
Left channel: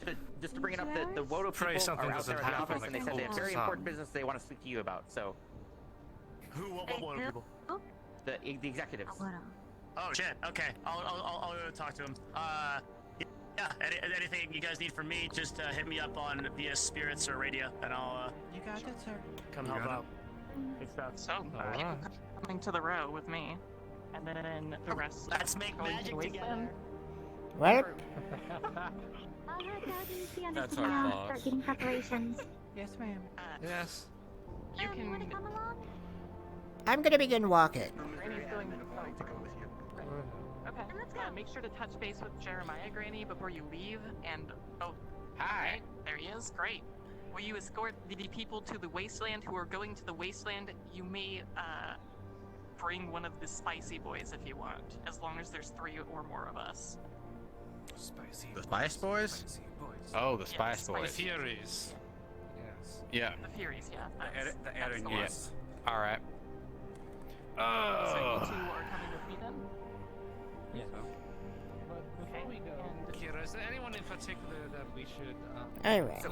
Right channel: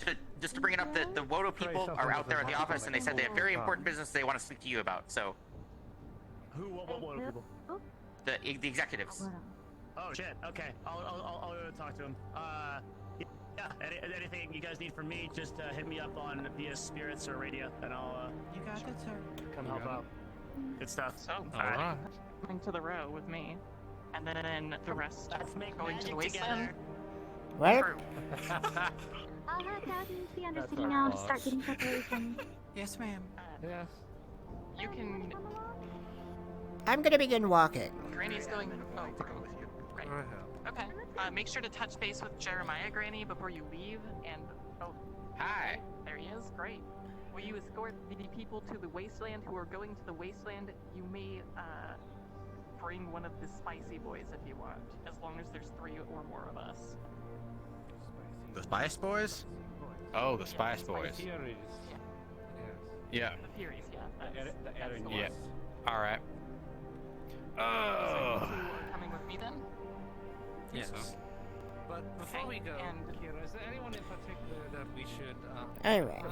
Okay. Just to bring it up, the Wodo Pray people something are out doesn't there at the happen office, like and they said they have Google very Sun. important business they want to speak to you about. So What people? the executives. Oh shit. Okay. I'll go talk to him. Yeah. Anything you guys need from me, just hit me up on via spirits or radio, and I'll You got it, sir. come help out. Good stuff. So, Alright. coming to the row with me, and then the rest Let's make going to the magic wasteland. together. What? I'll head down and see Anderson That's our now and boss. start getting preparations. Yes, ma'am. Yes. You can. I'm gonna begin walking. Granny's going to go with you. Okay. Make sure to touch base with Jeremiah, Granny, before you leave. And Hi. there he is. Great. Will you escort the people to the wasteland who are going to the wasteland? You may bring one of the spicy boys if you want, as long as there's 3 or more of us. Spicy. The Spice Boys? Oh, the Spice Yes, Boys. Theories. Yes. Yeah. The Furies, yeah. That's the Yeah. one. All right. So Oh. you two are coming with me then? Yes. But before we go, and- Kira, is there anyone in particular that we should? Alright. So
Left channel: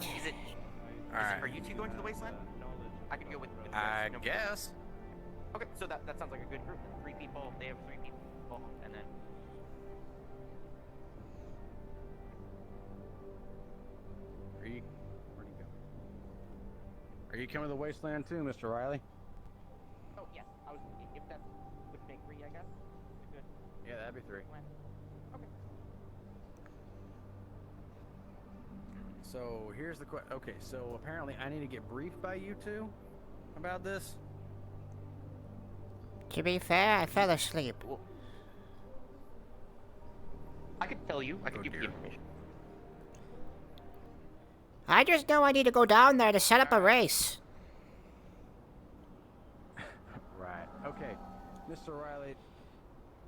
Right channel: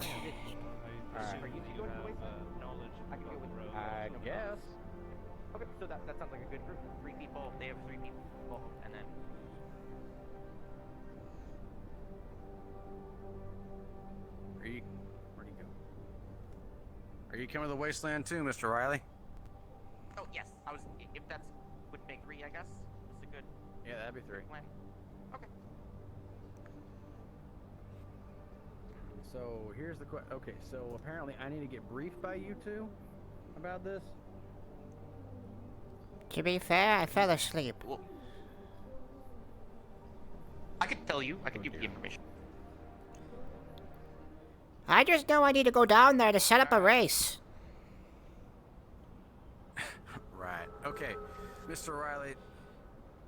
Alright. are you two going to the wasteland? I can go with you. I No problem. guess. Okay, so that sounds like a good group. 3 people. They have 3 people, and then. Where'd you go? Are you coming to the wasteland too, Mr. Riley? Oh yes, I was. If that's would make 3, I guess. It's a good Yeah, that'd be 3. plan. Okay. So here's the question. Okay, so apparently I need to get briefed by you two about this. To be fair, I fell asleep. I could tell you. I could give you the information. I just know I need to go down there to set up a race. Right. Okay, Mr. Riley.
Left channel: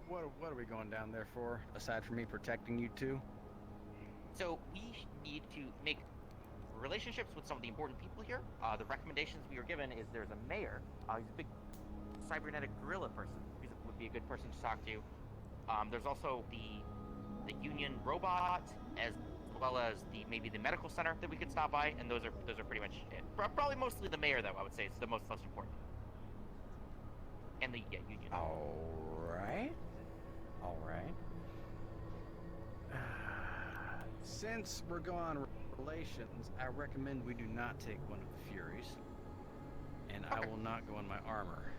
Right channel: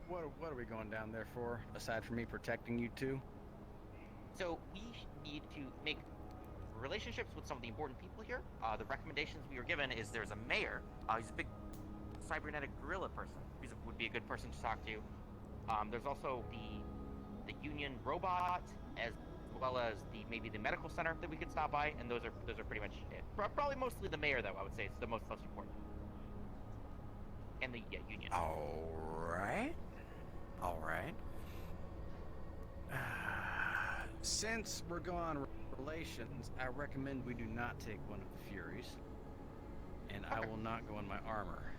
What are we going down there for? Aside from me protecting you two? So we need to make relationships with some of the important people here. The recommendations we were given is there's a mayor. He's a big cybernetic gorilla person. He would be a good person to talk to. There's also the union robot, as well as maybe the medical center that we could stop by, and those are pretty much it. Probably mostly the mayor, though. I would say is the most important. And the union. All right. Since we're going on relations, I recommend we do not take one of the Furies, and I will not go in my armor.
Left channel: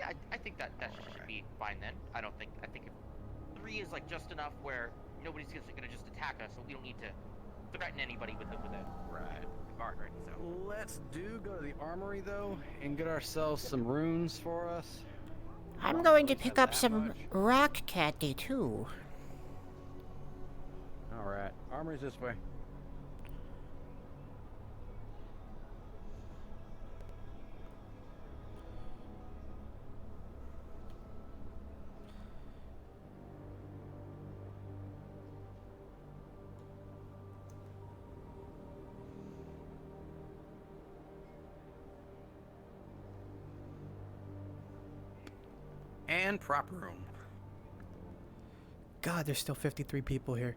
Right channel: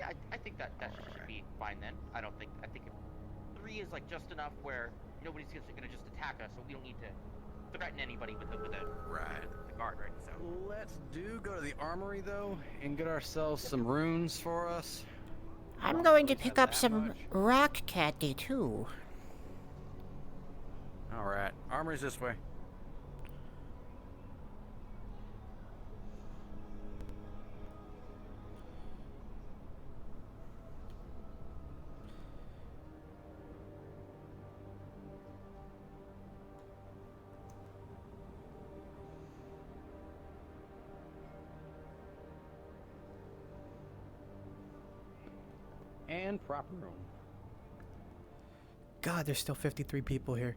Yeah, I think that should be fine then. I think if 3 is like just enough where nobody's just gonna just attack us, so we don't need to threaten anybody with a guard, right? So Let's go to the armory though, and get ourselves some runes for us. I'm going to pick up some rock candy too. All right, armory's this way. And proper room. God, there's still 53 people here.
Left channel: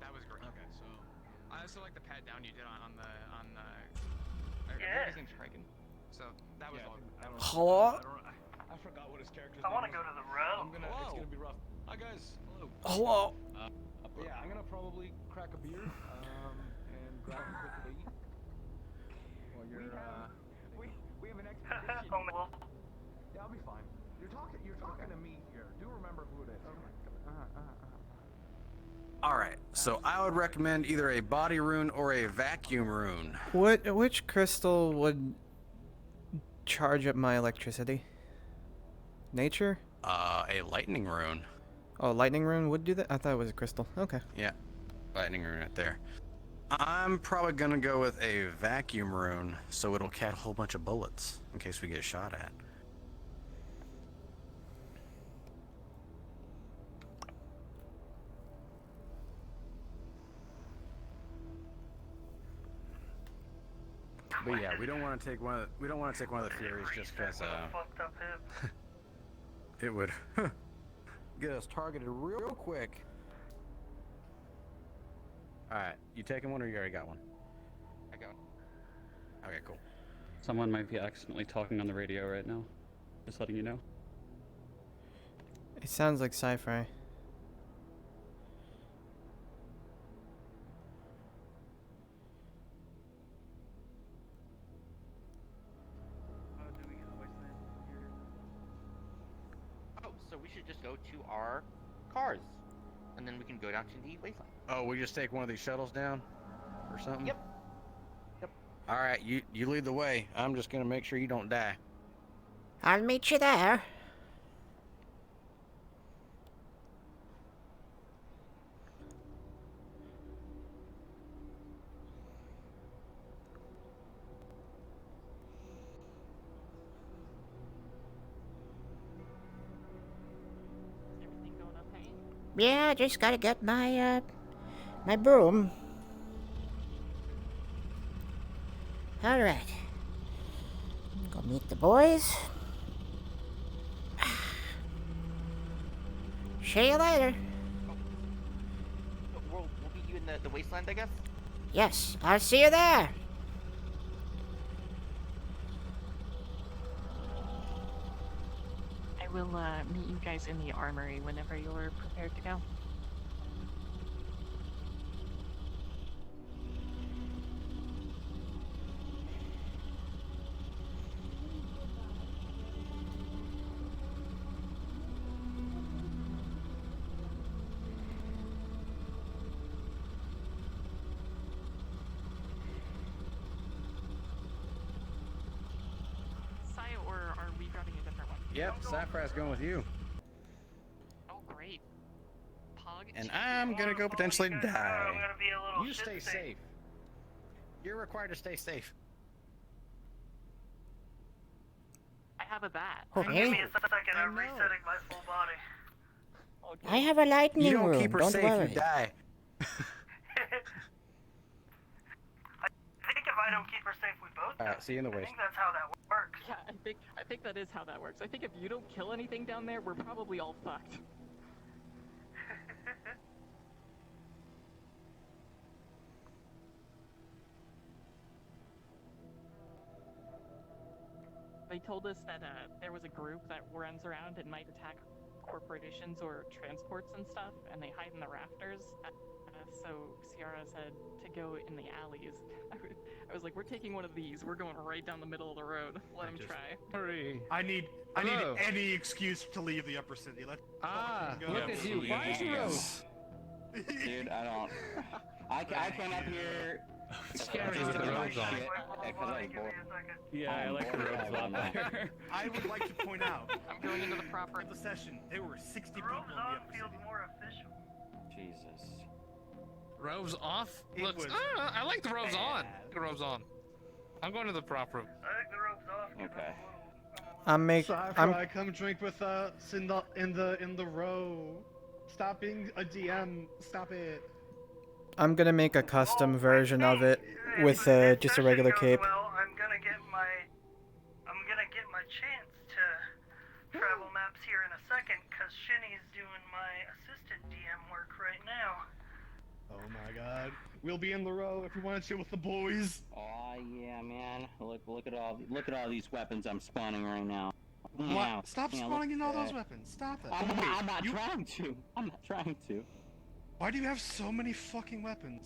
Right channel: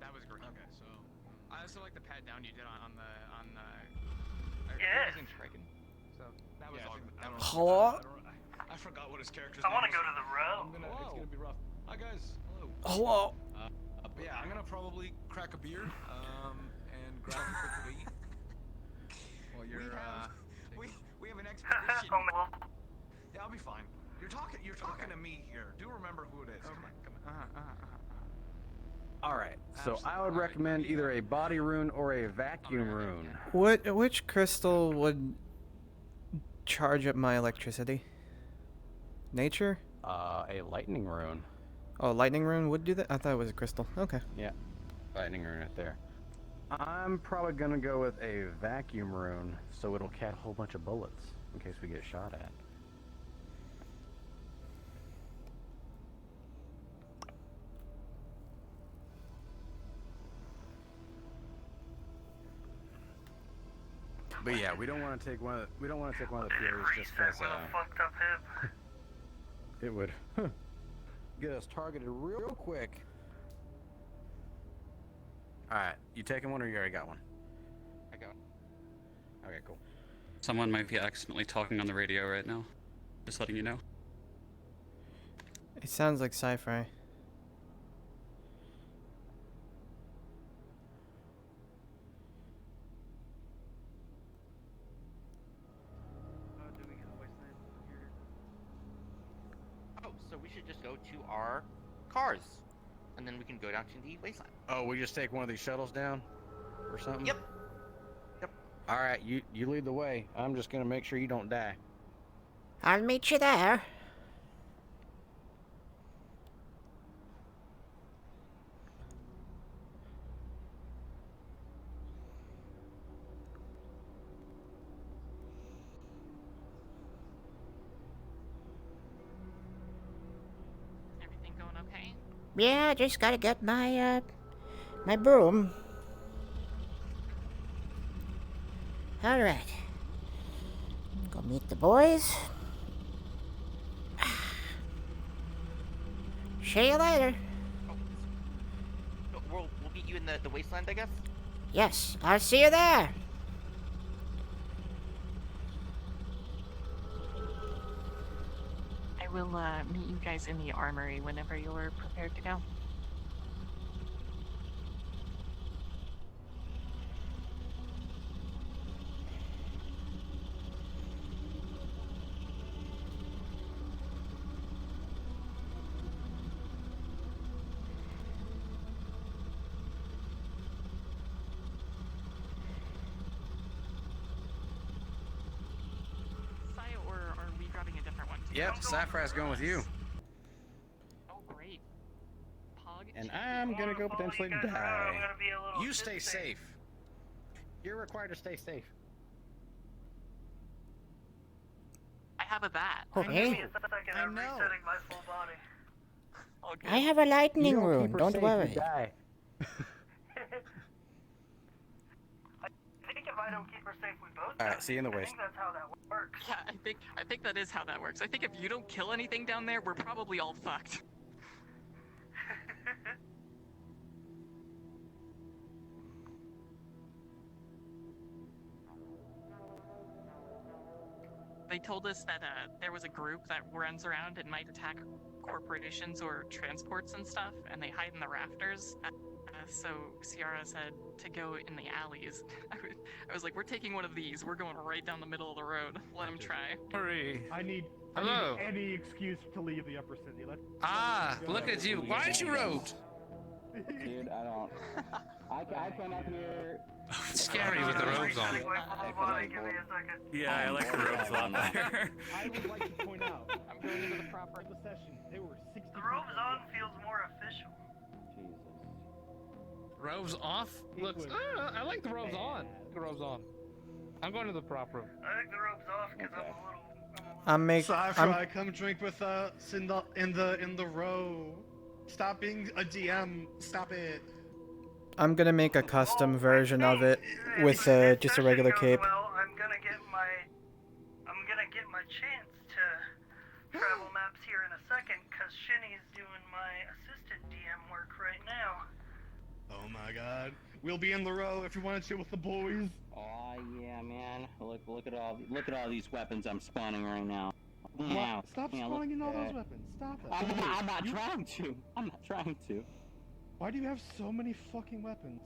That was great. Okay, so I also like the pat down you did on the name's Kraken. So that was Hello? I forgot what his character's I want to go to the row. It's gonna be rough. Hi guys. Hello. Hello? But yeah, I'm gonna probably crack a beer and grab a quick to eat. While you're we have an expedition. Yeah, I'll be fine. You're talking to me here. Do remember who it is. Come on. Alright, so I would recommend either a body rune or a vacuum rune. Which crystal would charge up my electricity? Nature? A lightning rune. Oh, lightning rune would do that? I thought it was a crystal. Okay. Yeah, lightning rune right there. I'm probably gonna go with a vacuum rune, so it'll catch a whole bunch of bullets in case we get shot at. But yeah, we don't want to take one of the Furies just because it would get us targeted real quick. All right, you taking one or you already got one? I got. Okay, cool. Someone might be accidentally talking on the radio right now. Just letting you know. It sounds like sci-fi. Oh, so we should just go to our cars, and then we can go down to the wasteland. Oh, we just take one of these shuttles down, or something? Yep. All right, you lead the way. I'm just gonna make sure you don't die. I'll meet you there. Everything going okay? Yeah, just gotta get my, my broom. Alright. Go meet the boys. See you later. We'll meet you in the wasteland, I guess? Yes, I'll see you there. I will meet you guys in the armory whenever you're prepared to go. Sai, or are we grabbing a different one? Yep, Sapphire's going with you. Oh, great. Pog. And I'm gonna go potentially die. You stay safe. You're required to stay safe. I have a bat. Okay. I know. I have a lightning You don't room, keep her don't safe, worry. you die. I think if I don't keep her safe, we both die. Alright, see you in the I waste. think that's how that works. Yeah, I think that is how that works. I think if you don't kill anything down there, we're probably all fucked. They told us that there was a group that runs around and might attack corporations or transports and stuff, and they hide in the rafters. So Ciara said to go in the alleys. I was like, we're taking one of these. We're going right down the middle of the road. Let him try. Hurry. I need Hello. any excuse to leave the Upper City. Look at you. Why aren't you rogue? Dude, I don't. I come up here. It's scary with the robes on. Yeah, I like the robes on there. I would like to point out, I'm going into the proper the session. There were 60 people. Robes on feels more official. Jesus. Robes off? It Looks. was I like the robes on. The robes on. I'm going to the prop room. I like the robes off because Okay. Sci-fi, come drink with us in the row. Stop being a DM. Stop it. I'm gonna make a custom version of it with just a regular cape. Well, I'm gonna get my chance to travel maps here in a second, cause Shinny's doing my assistant DM work right now. Oh my god. We'll be in the row if you want to chill with the boys. Oh yeah, man. Look at all these weapons I'm spawning right now. Yeah. Stop spawning in all those weapons. Stop it. I'm not trying to. I'm not trying to. Why do you have so many fucking weapons?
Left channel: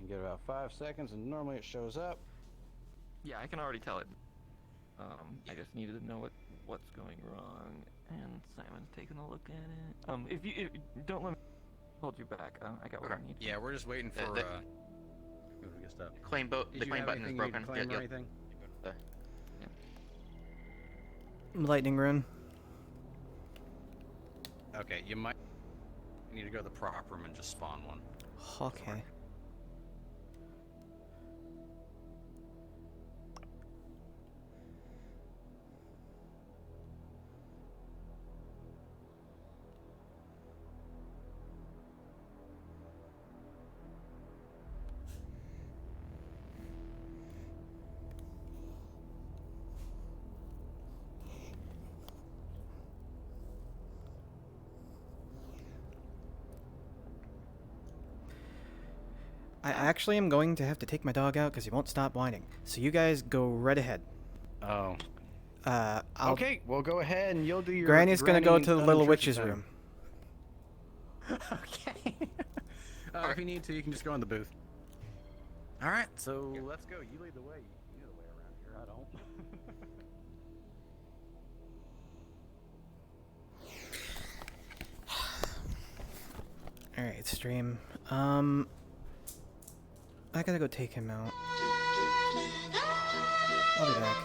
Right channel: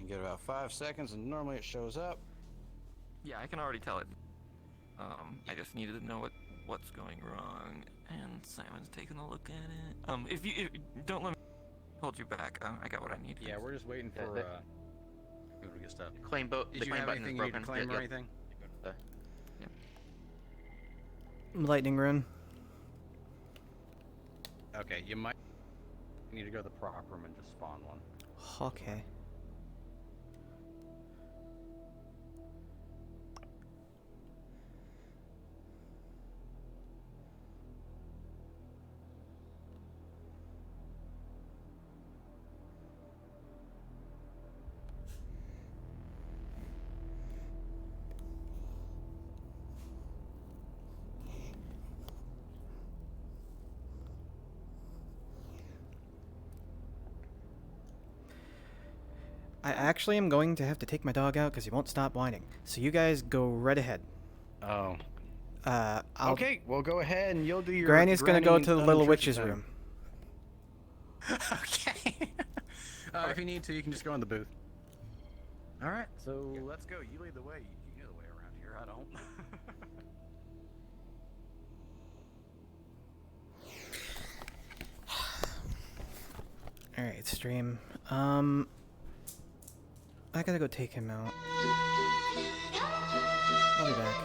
You get about 5 seconds, and normally it shows up. Yeah, I can already tell it. I just needed to know what's going wrong, and Simon's taking a look at it. If you don't let me hold you back, I got what I need. Yeah, we're just waiting for people to get stuff. The claim button is broken. Claim or anything? Yeah. Lightning rune. Okay, you might need to go to the prop room and just spawn one. Okay. I actually am going to have to take my dog out because he won't stop whining. So you guys go right ahead. Oh. I'll... Okay, well go ahead and you'll do your... Granny's gonna go to the little witch's room. Okay. If you need to, you can just go in the booth. Alright, so let's go. You lead the way. You know the way around here, I don't. Alright, stream. I gotta go take him out. I'll be back.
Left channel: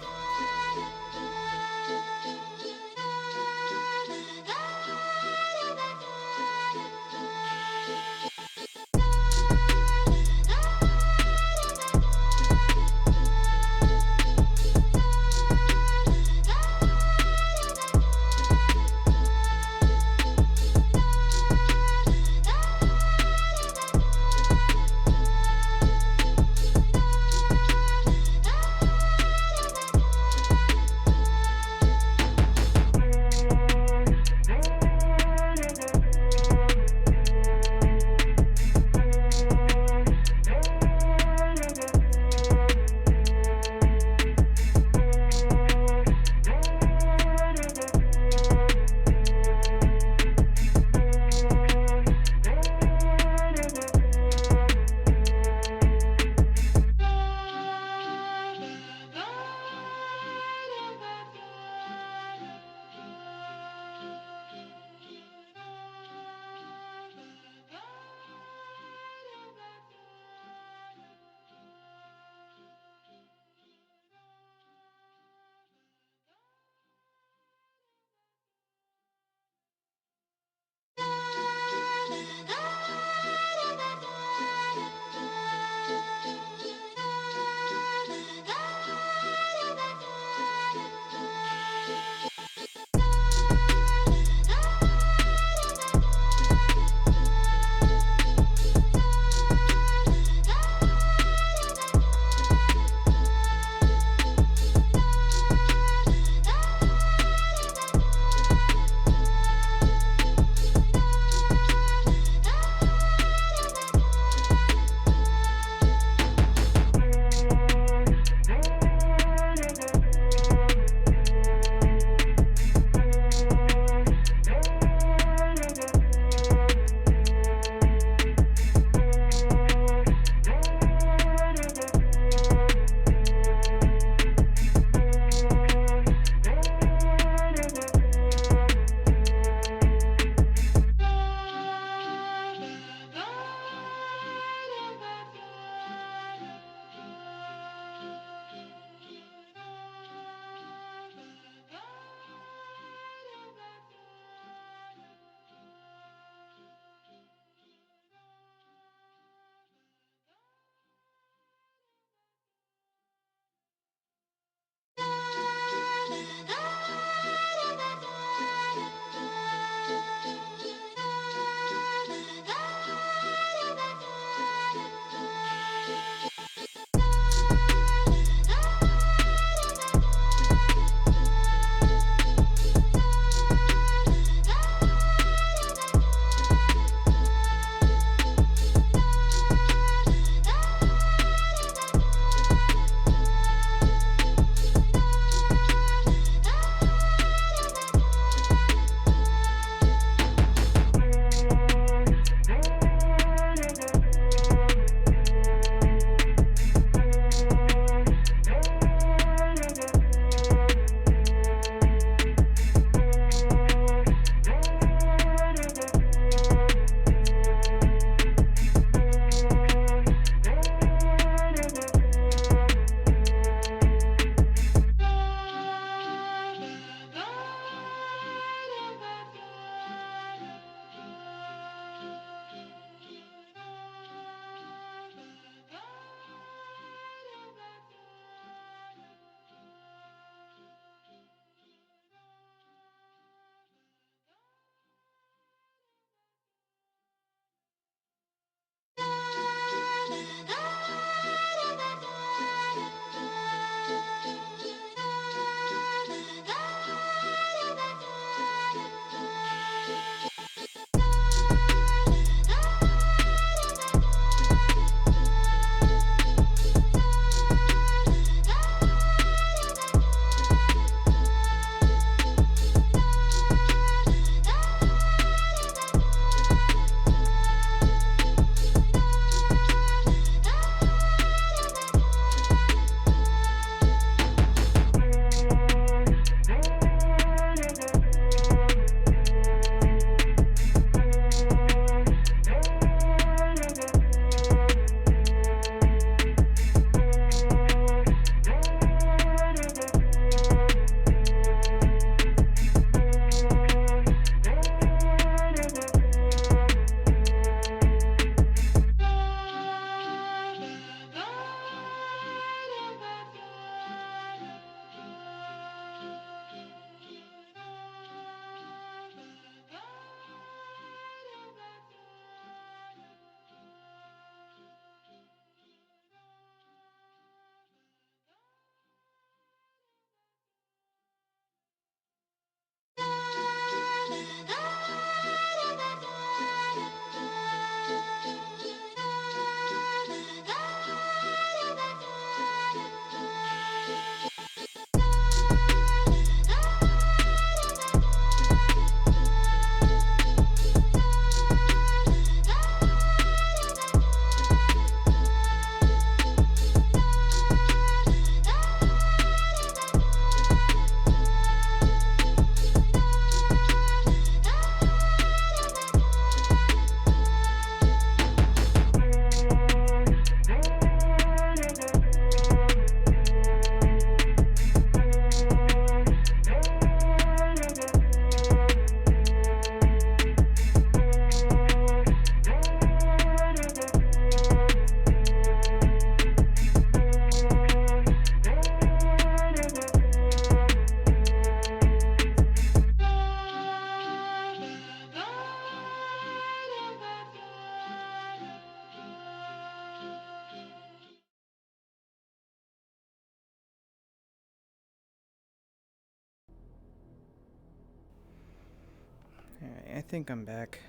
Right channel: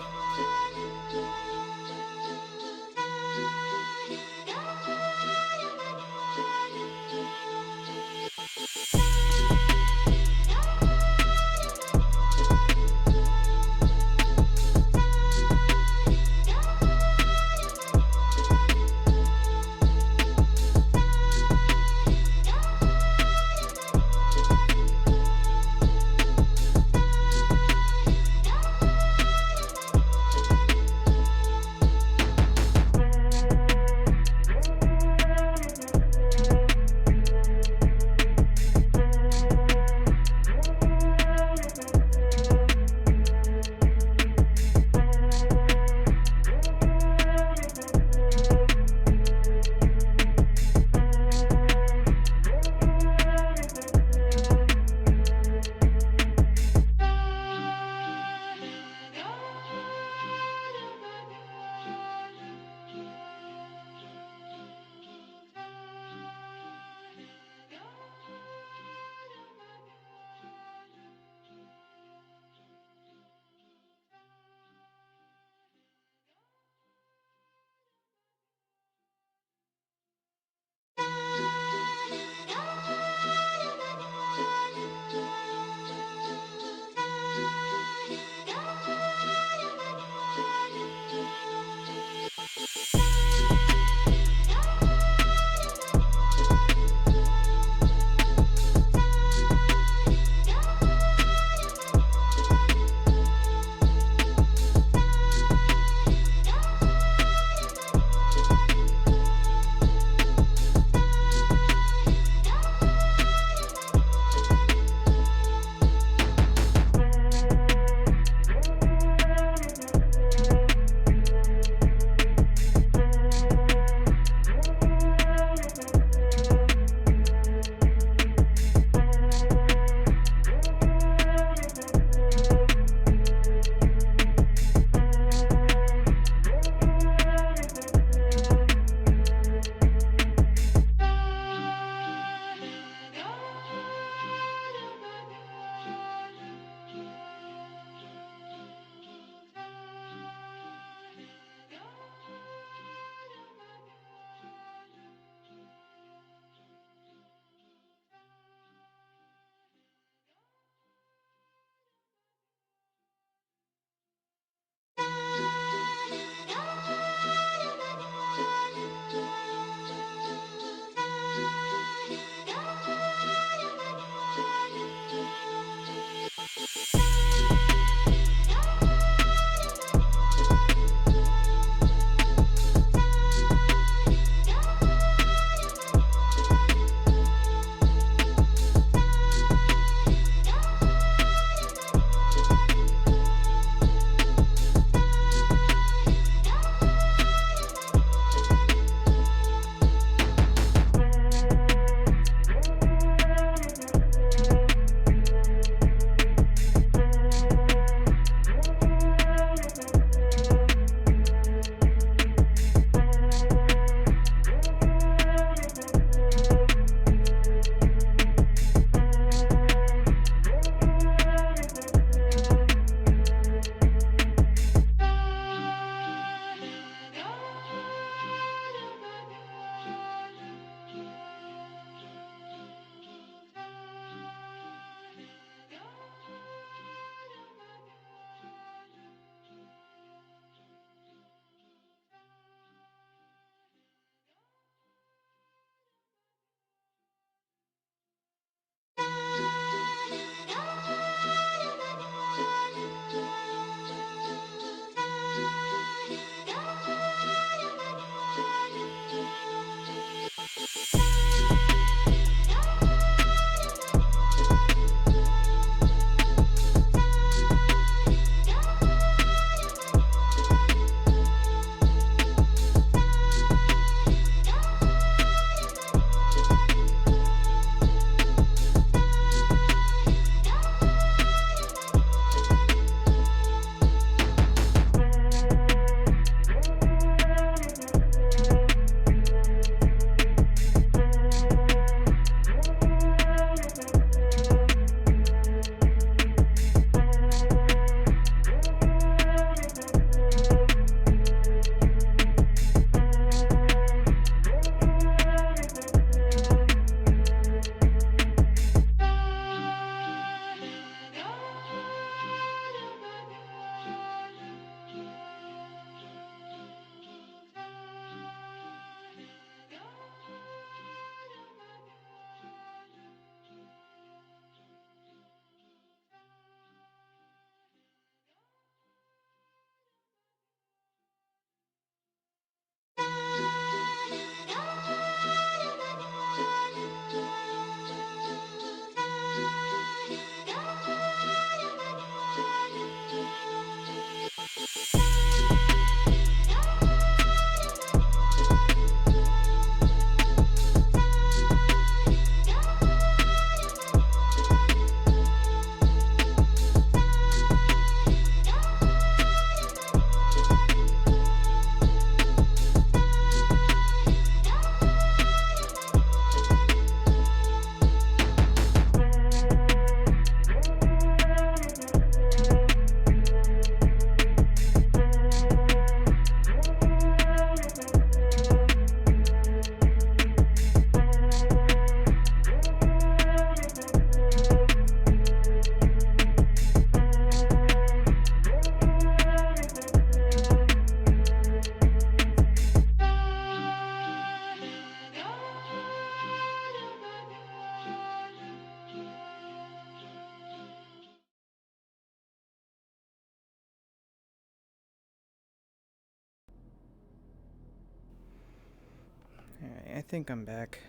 I think I'm back.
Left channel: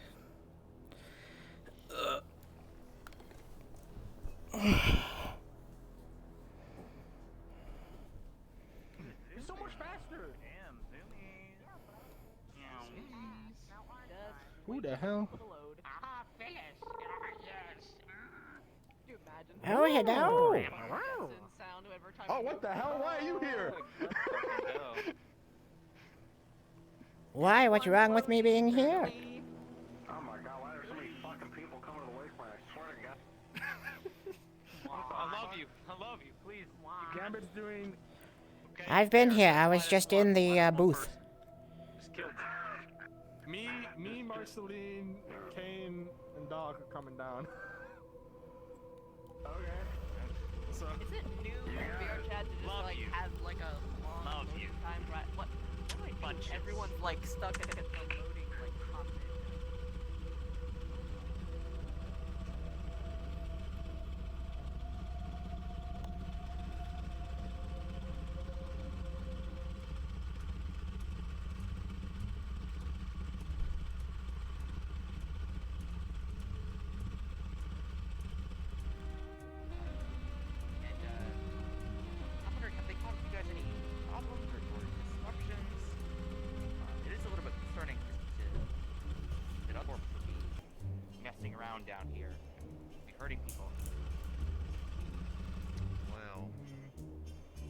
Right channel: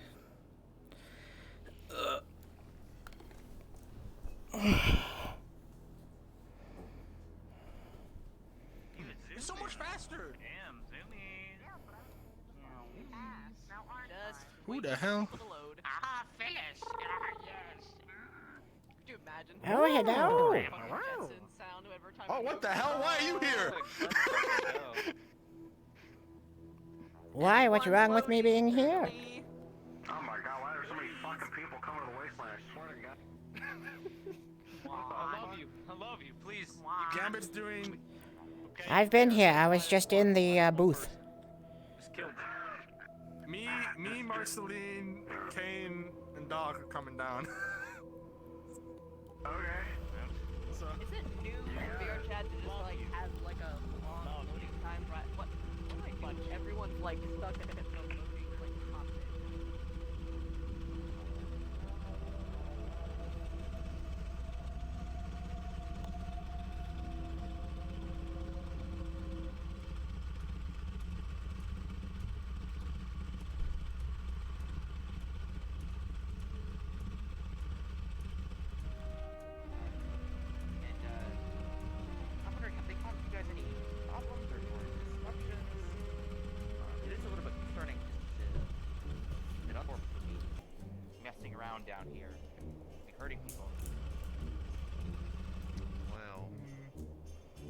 It's so much faster. Who the hell? Oh, hello. Oh, what the hell? Why are you here? Why? What's wrong with me being here? Oh my god, why are there so many fucking people coming to the wasteland? I swear to God. I love you, please. Gambit's doing. I've been here. I was just in the booth. Me, Marceline, Kane, and Dog are coming down. Is it new for VRChat to just like have like a long loading time? What do I do? Everyone's like stuck at the loading like topic. I'm wondering, have they caused you guys any problems or disruptions? It is a little bit concerning to get up or messing around down here and be hurting people. Well,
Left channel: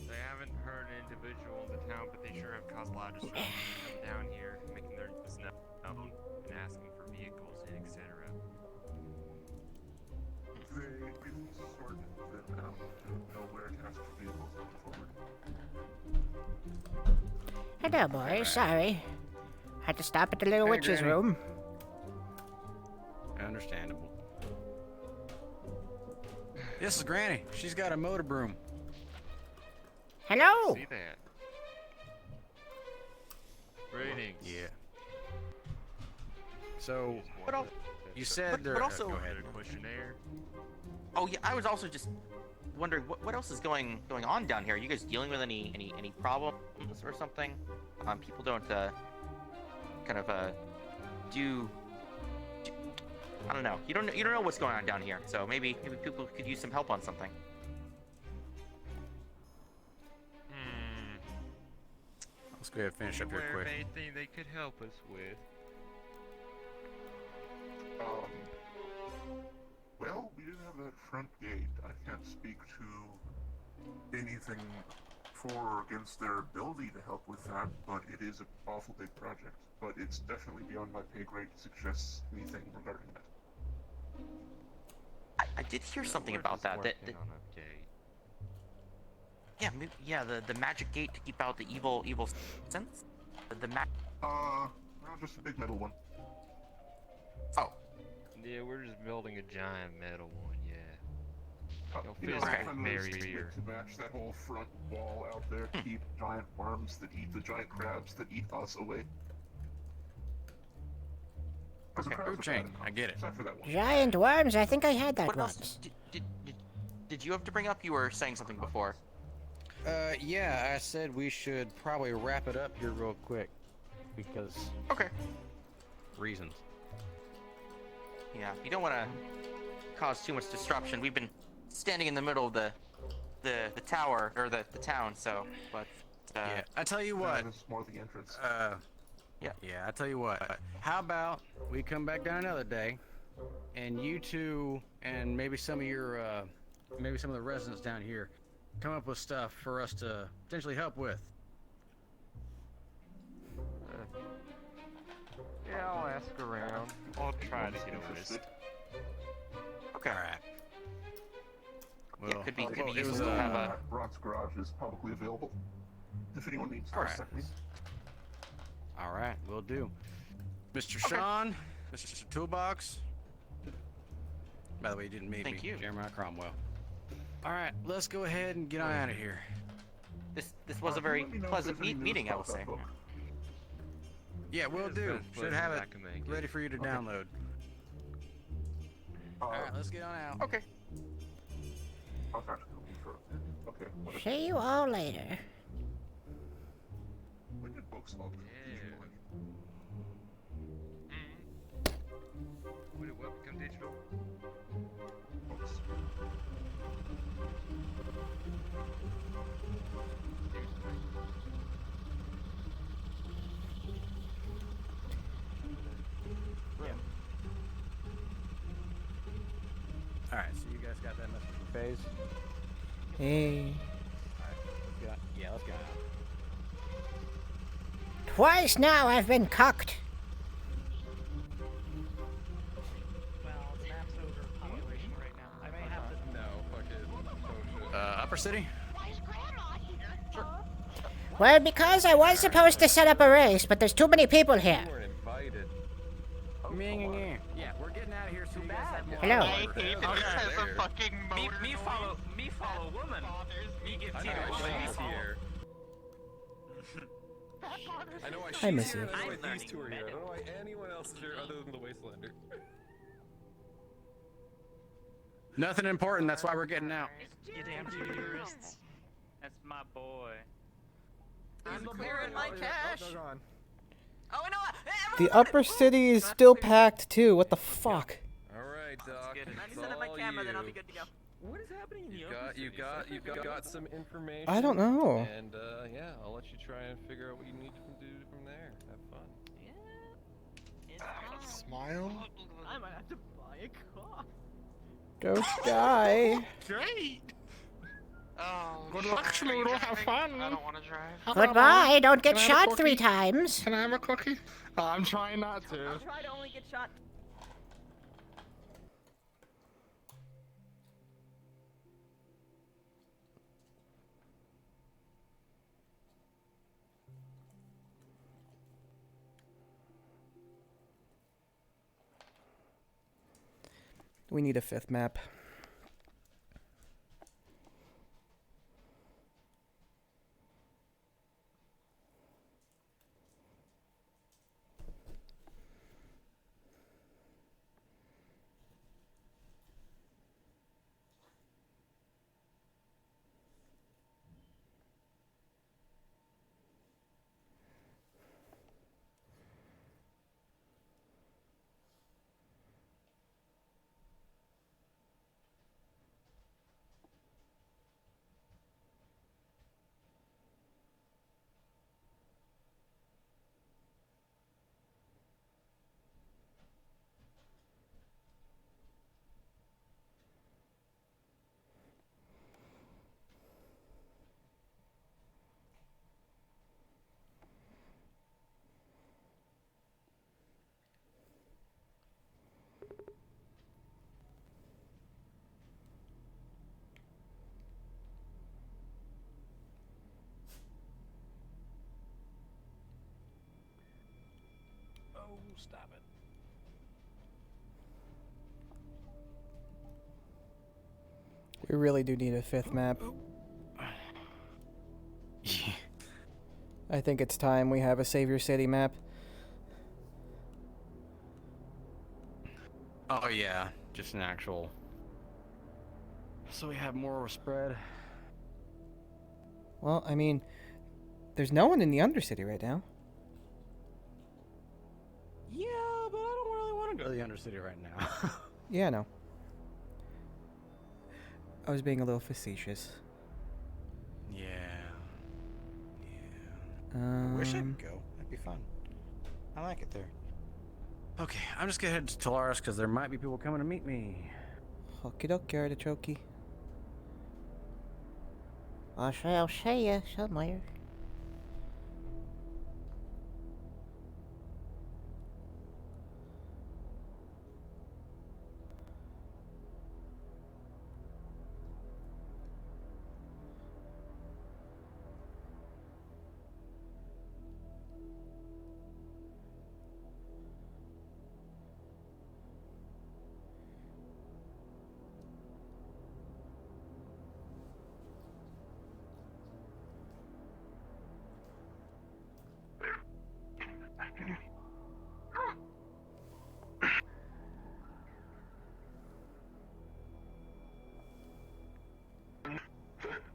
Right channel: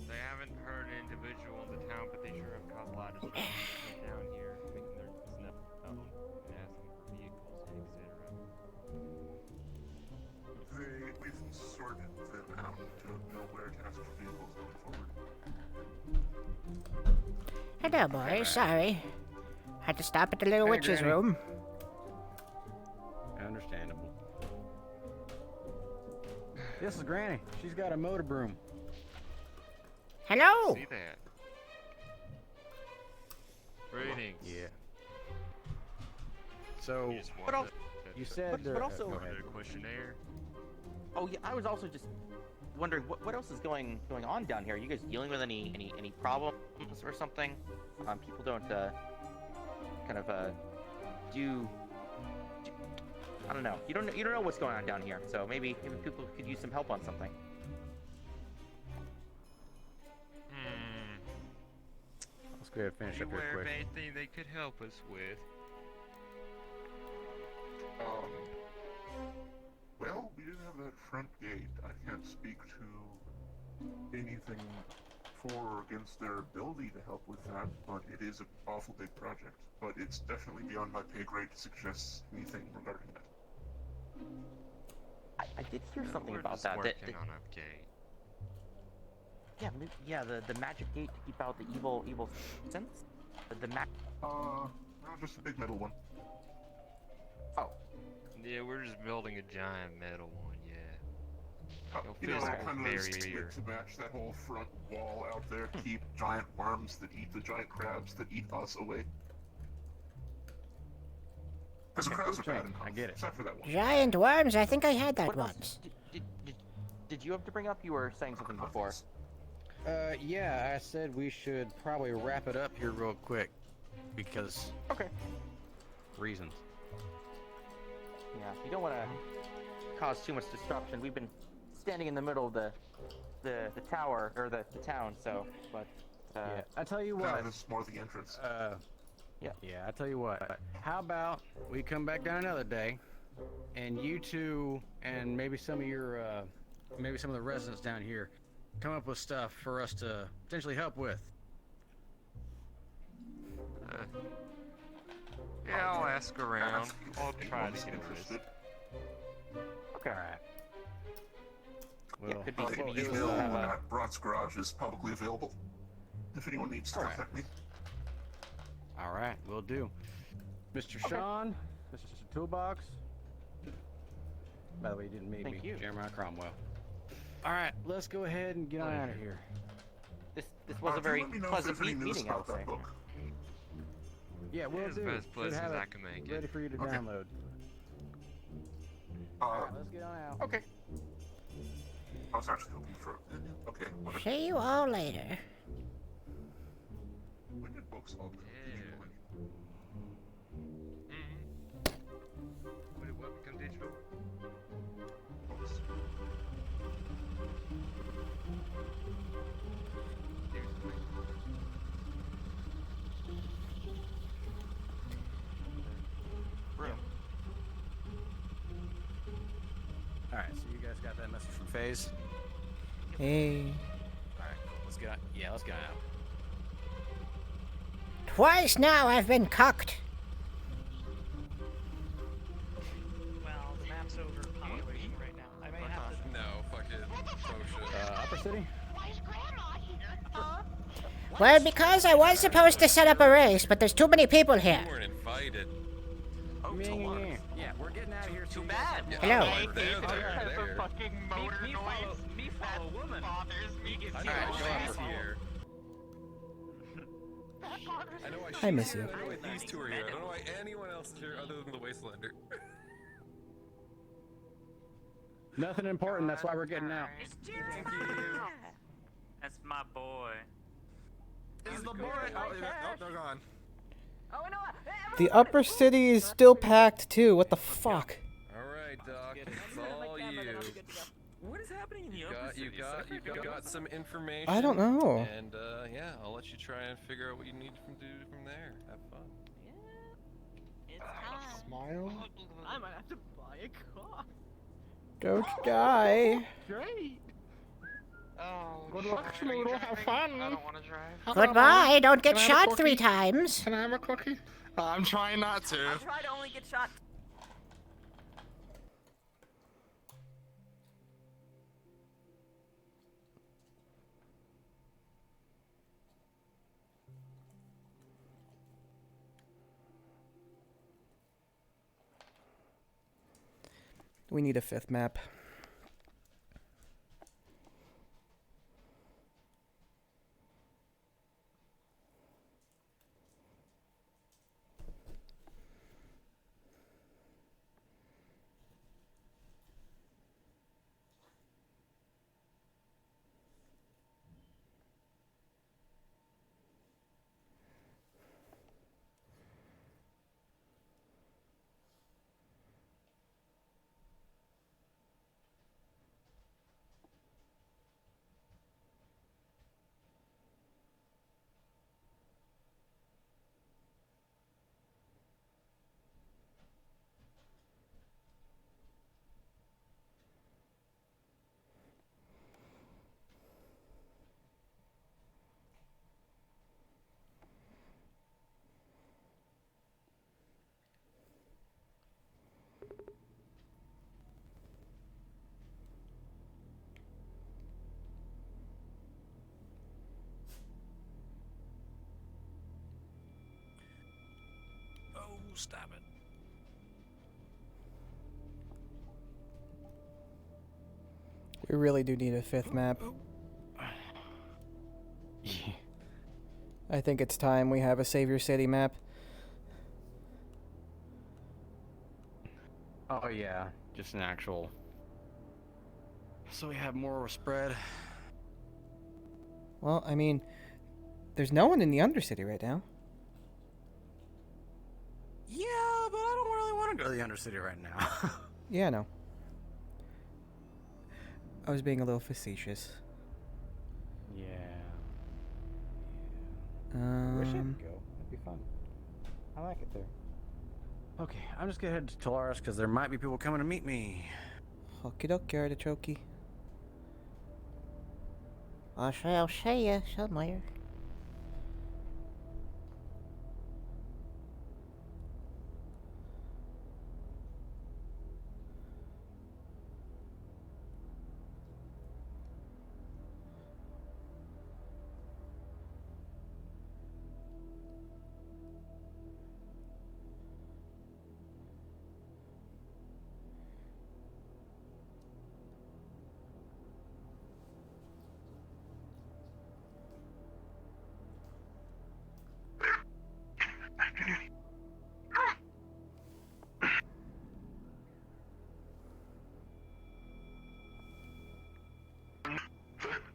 they haven't hurt an individual in the town, but they sure have caused a lot of disruption down here, making their business up and asking for vehicles and etc. They sorted them out to know where to ask for vehicles going forward. Hello, boys. Sorry. Had to stop at the little Hey, witch's Granny. room. Understandable. This is Granny. She's got a motor broom. Hello. See that? Greetings. Yeah. So, But al- you said but- there. but also- go ahead. Questionnaire. Oh yeah, I was also just wondering what else is going on down here. Are you guys dealing with any problems or something? People don't kind of do I don't know. You don't know what's going on down here. So maybe people could use some help on something. Let's go ahead and finish up Beware here of quick. anything they could help us with. Well, we didn't have that front gate. I can't speak to anything for or against their ability to help with that, but it is an awful big project. But it's definitely beyond my pay grade to suggest anything regarding that. I did hear something We're about just that. working on a gate. Yeah, the magic gate to keep out the evil sense. The No, just a big metal one. Yeah, we're just building a giant metal one, yeah. No You know, physical kind of barrier. to match that whole front wall out there to keep giant worms that eat the giant crabs that eat us away. Because the crabs are Chain, bad I get it. except for that one. Giant worms? I think I had that once. Did you have to bring up? You were saying something before. Yeah, I said we should probably wrap it up here real quick because. Okay. Reasons. Yeah, you don't want to cause too much disruption. We've been standing in the middle of the tower or the town, so but Yeah, I tell you what. It's more the entrance. Yeah. Yeah, I tell you what. How about we come back down another day, and you two and maybe some of your, maybe some of the residents down here, come up with stuff for us to potentially help with. Yeah, I'll ask around. I'll try to get a list. Okay. Well, could be Well, useful to have a. Brock's garage is publicly available. If anyone needs to visit me. All right, we'll do. Mr. Sean, Mr. Toolbox. By the way, you didn't meet Thank me. you. Jeremiah Cromwell. All right, let's go ahead and get on out of here. This was a very Let me know if pleasant there's any news meeting, I would about that say. book. Yeah, we'll As do. best Should places have I it can make it. ready for you to download. All right, let's get on out. Okay. I was actually hoping for. Okay. what- See you all later. When did books all come? Yeah. webcam digital. Yeah. Alright, so you guys got that message from FaZe? Hey. Let's go. Yeah, let's go. Twice now I've been cucked. I may have to. No, fucking Upper City? Well, because I was supposed to set up a race, but there's too many people here. Yeah, we're getting out of here so you guys have more. Hello. Me follow woman. I know why she's here. I know why I miss you. I know why these two are here. I don't know why anyone else is here other than the Wastelander. Nothing important, that's why we're getting out. That's my boy. Is the beer in my cash? They're gone. The upper city is still packed too. What the fuck? Alright, Doc. It's all you. What is happening in the You've got some information. I don't know. And yeah, I'll let you try and figure out what you need to do from there. Have fun. Smile. I might have to buy a car. Go die. Great. Oh, Good luck, Schnoodle. Have fun. I don't want to drive. Goodbye. Don't get Can I have a shot 3 cookie? times. Can I have a cookie? I'm trying not to. I try to only get shot. We need a 5th map. Oh, stop it. We really do need a 5th map. Yeah. I think it's time we have a Savior City map. Oh yeah, just an actual. So we have more spread. Well, I mean, there's no one in the Undercity right now. Yeah, but I don't really want to go to the Undercity right now. Yeah, I know. I was being a little facetious. Yeah. Um, Wish I could go. That'd be fun. I like it there. Okay, I'm just gonna head to Tolaris because there might be people coming to meet me. Okie dokie, artichoke. I'll see you somewhere.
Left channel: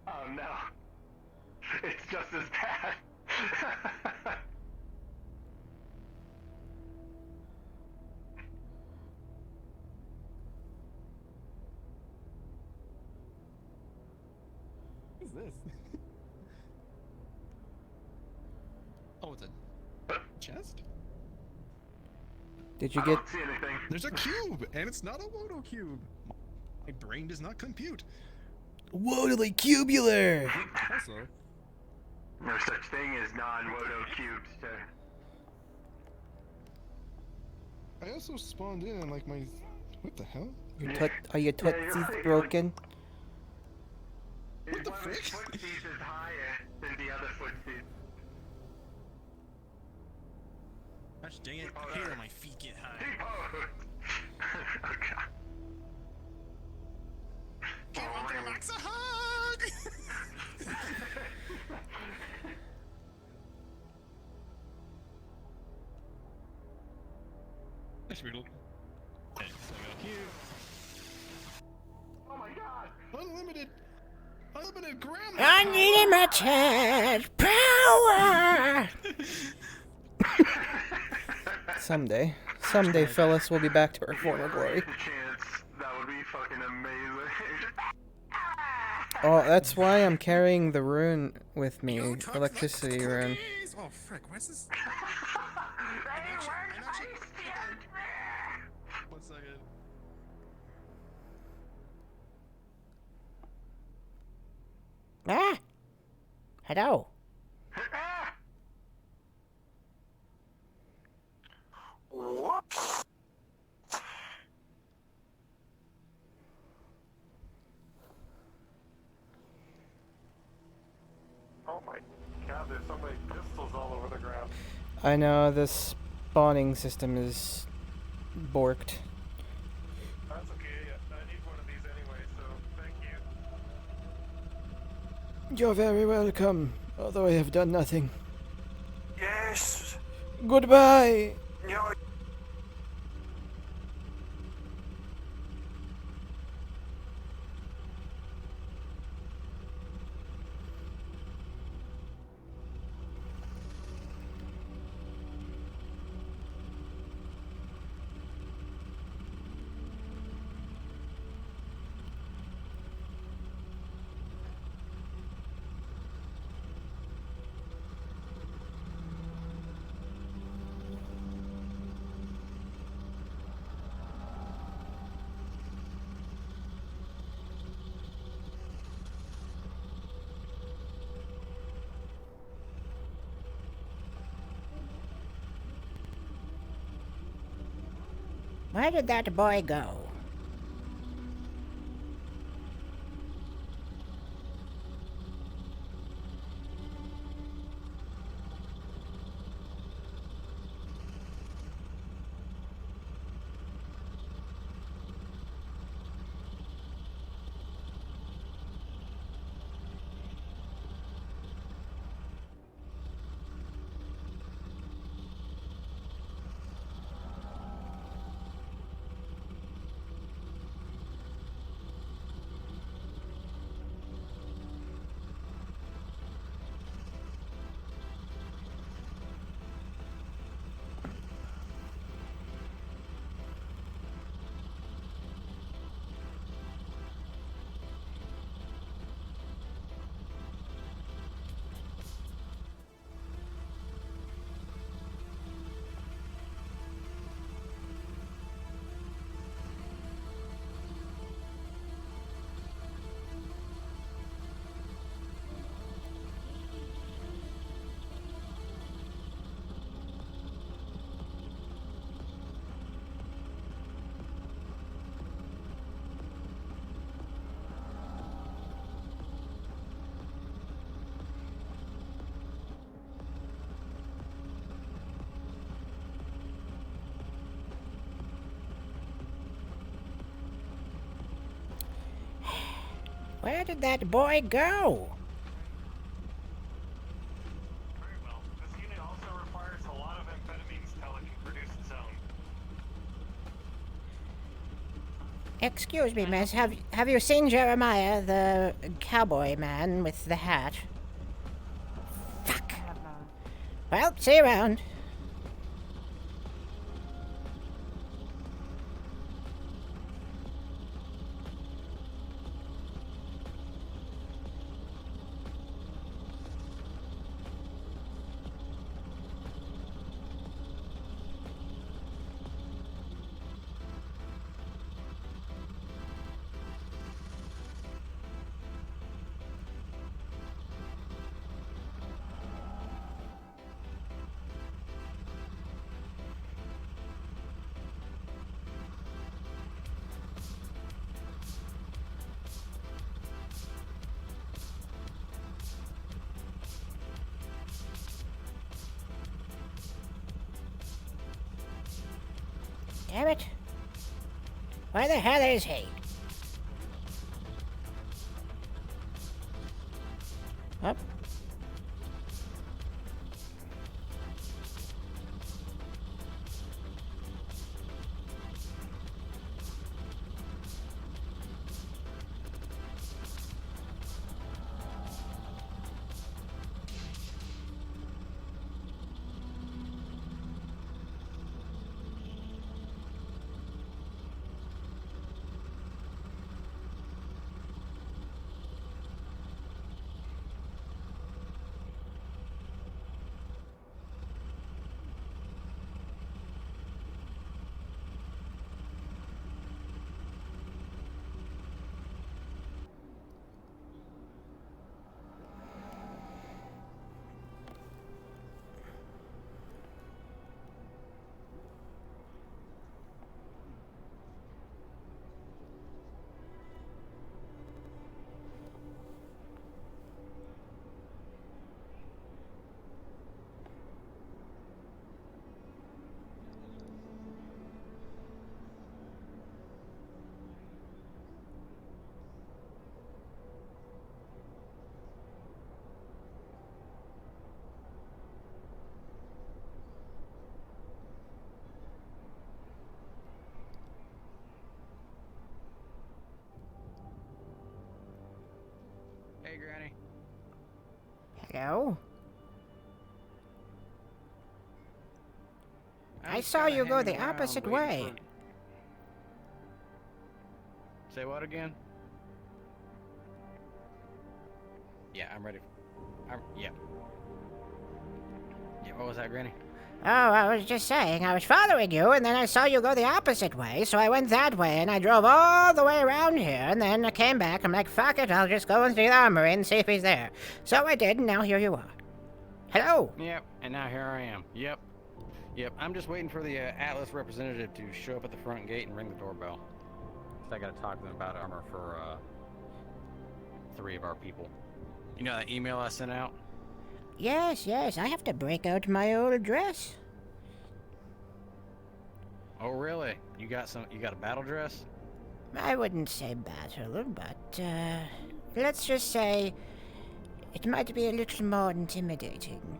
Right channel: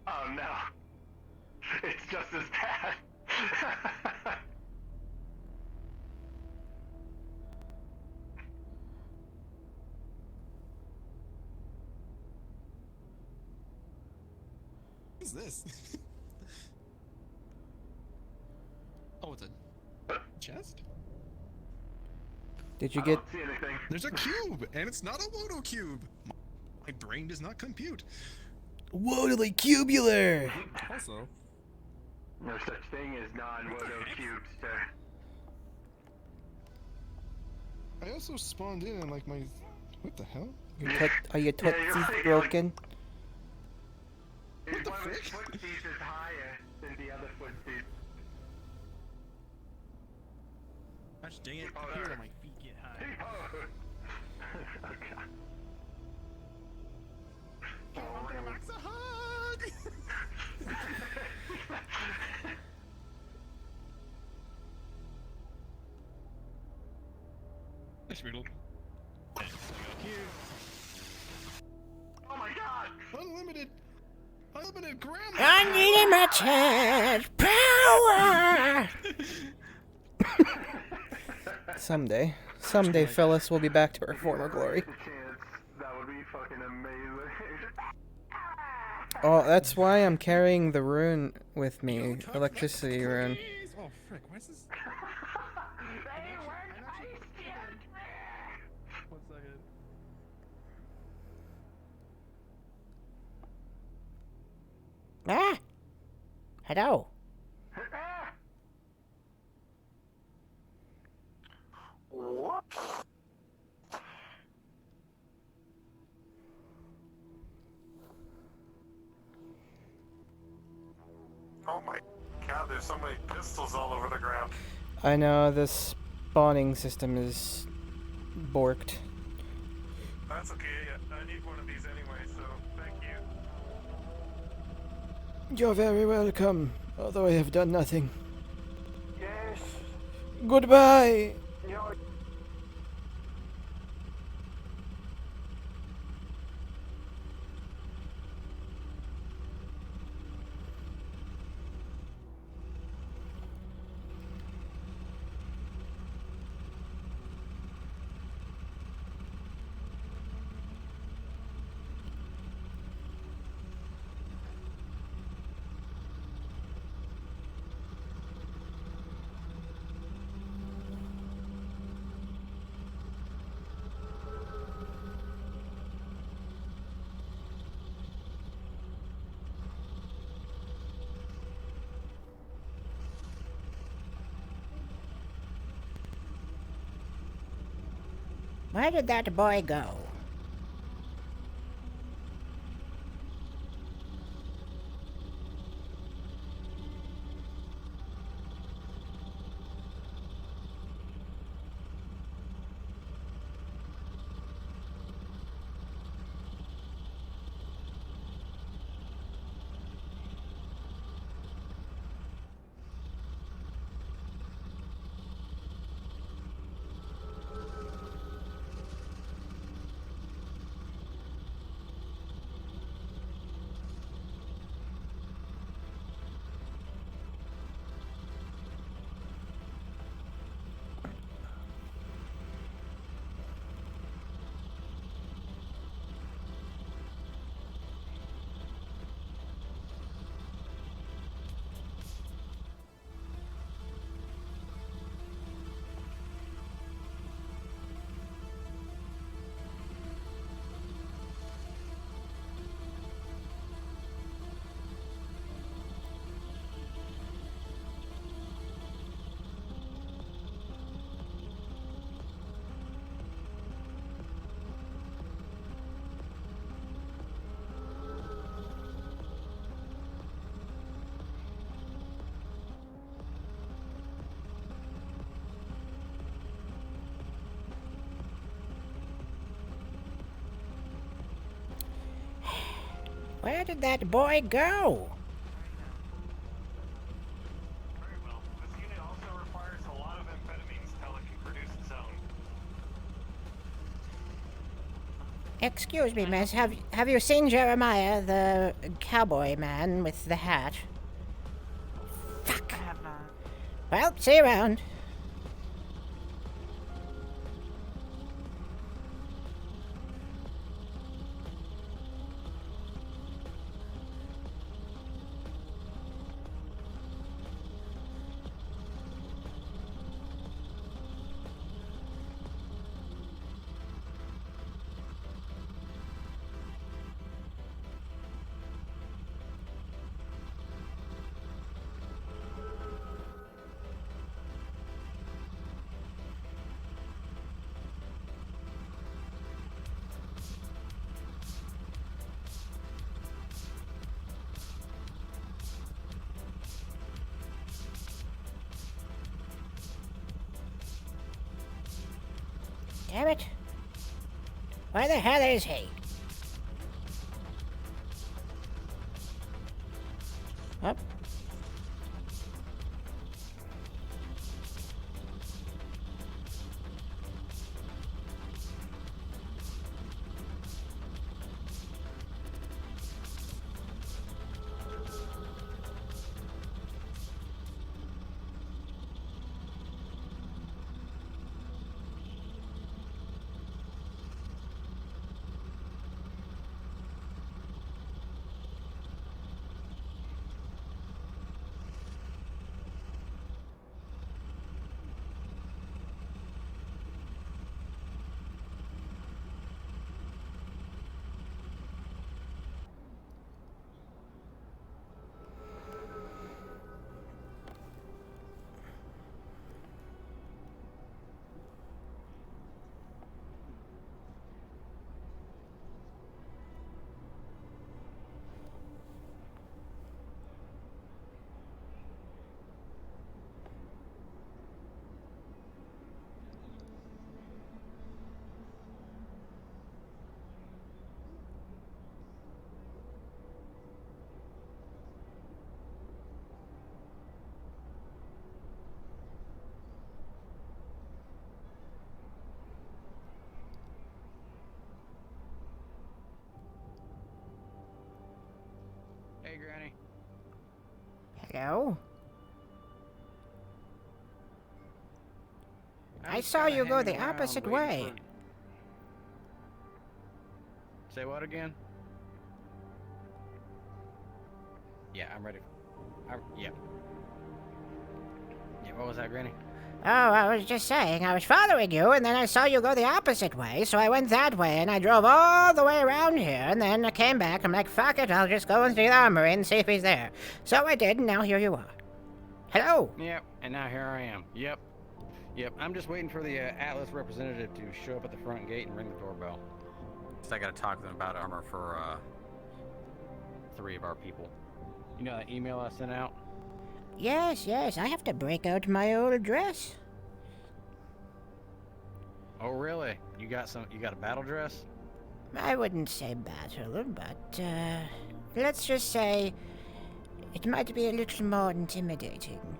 Oh no. It's just as bad. is this? Oh, it's a chest? Did you get... See anything? There's a cube, and it's not a Wodo cube. My brain does not compute. Wodily cubular! Also, No such thing as non-Wodo cubes, sir. I also spawned in and like my... What the hell? Are your tootsies broken? What the frick? His footsies is higher than the other footsies. Gosh dang it! Here, my feet get high. Oh god. It's a hug! Nice Riddle. Thanks, I got here. Oh my god! Unlimited grandma! Unlimited power! Someday, Phyllis will be back to her former glory. That would be fucking amazing. Oh, that's why I'm carrying the rune with me, electricity rune. Oh frick, what's this? One second. Ah! Hello. Whoops. Oh my god, there's so many pistols all over the ground. I know, this spawning system is borked. That's okay, I need one of these anyway, so thank you. You're very welcome, although I have done nothing. Yes! Goodbye! No. Where did that boy go? Where did that boy go? Very well. This unit also requires a lot of amphetamines till it can produce its own. Excuse me, miss. Have you seen Jeremiah, the cowboy man with the hat? Fuck. Well, see you around. Damn it. Where the hell is he? Up. Hey, Granny. Hello? I was saw kinda you go hanging the around opposite waiting way. Say what again? Yeah, I'm ready. Yeah. Yeah, what was that, Granny? Oh, I was just saying, I was following you, and then I saw you go the opposite way, so I went that way, and I drove all the way around here, and then I came back, I'm like, fuck it, I'll just go into the armory and see if he's there. So I did, and now here you are. Hello? Yep, and now here I am. Yep. I'm just waiting for the Atlas representative to show up at the front gate and ring the doorbell. I gotta talk to them about armor for 3 of our people. You know that email I sent out? Yes, I have to break out my old dress. Oh, really? You got a battle dress? I wouldn't say battle, but, let's just say it might be a little more intimidating.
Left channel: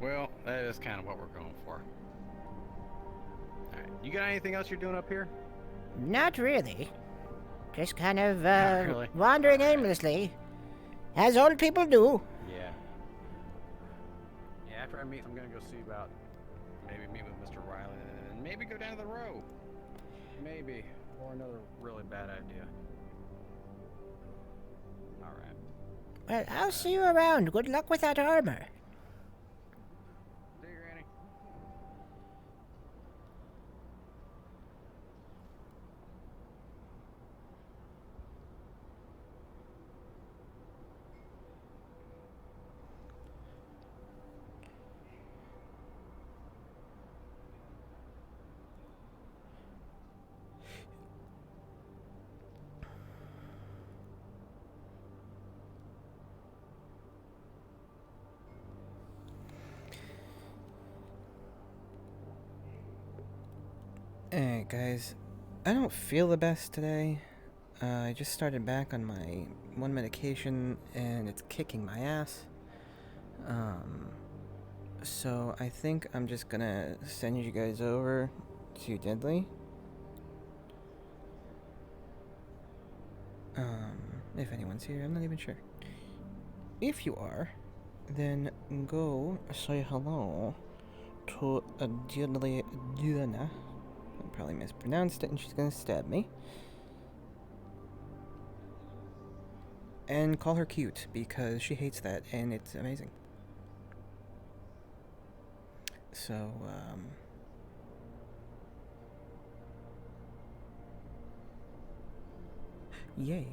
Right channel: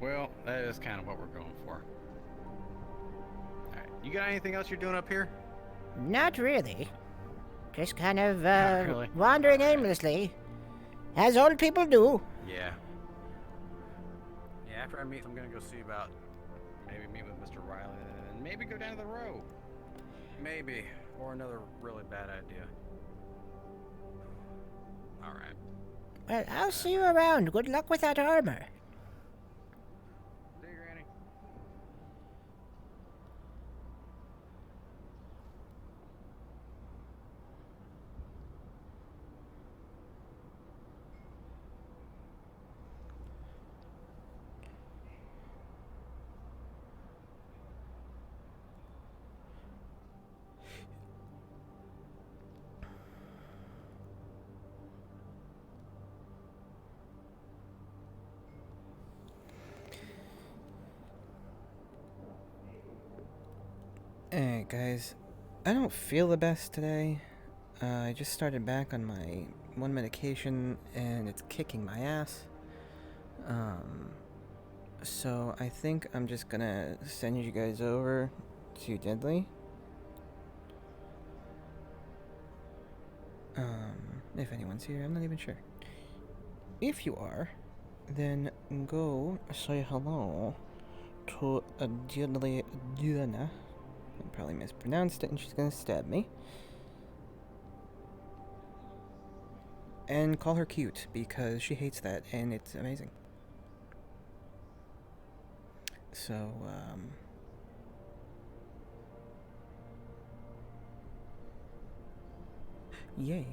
Well, that is kind of what we're going for. Alright, you got anything else you're doing up here? Not really. Just kind of, Not really. wandering aimlessly. As old people do. Yeah. Yeah, after I meet, I'm gonna go see about maybe meet with Mr. Riley and maybe go down to the row. Maybe. Or another really bad idea. Alright. Well, I'll see you around. Good luck with that armor. See you, Granny. Hey guys, I don't feel the best today. I just started back on my one medication and it's kicking my ass. So I think I'm just gonna send you guys over to Deadly. If anyone's here, I'm not even sure. If you are, then go say hello to Deadly Diana. I probably mispronounced it and she's gonna stab me. And call her cute, because she hates that and it's amazing. So, yes.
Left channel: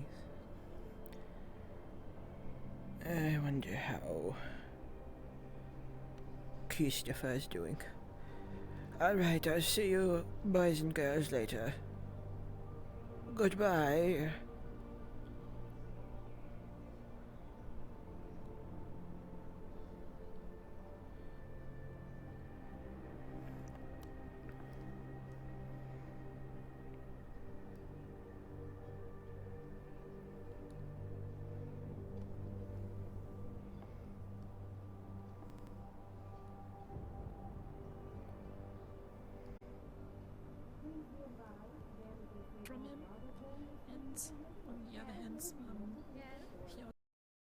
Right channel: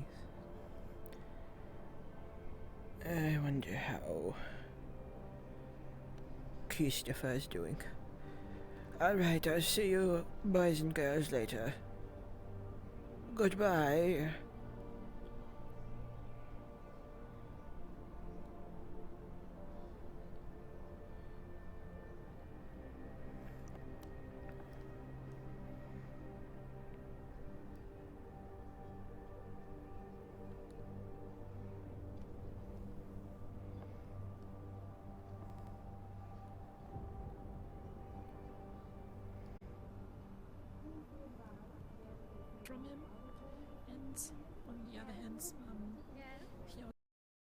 I wonder how Christopher's doing. Alright, I'll see you boys and girls later. Goodbye. hands.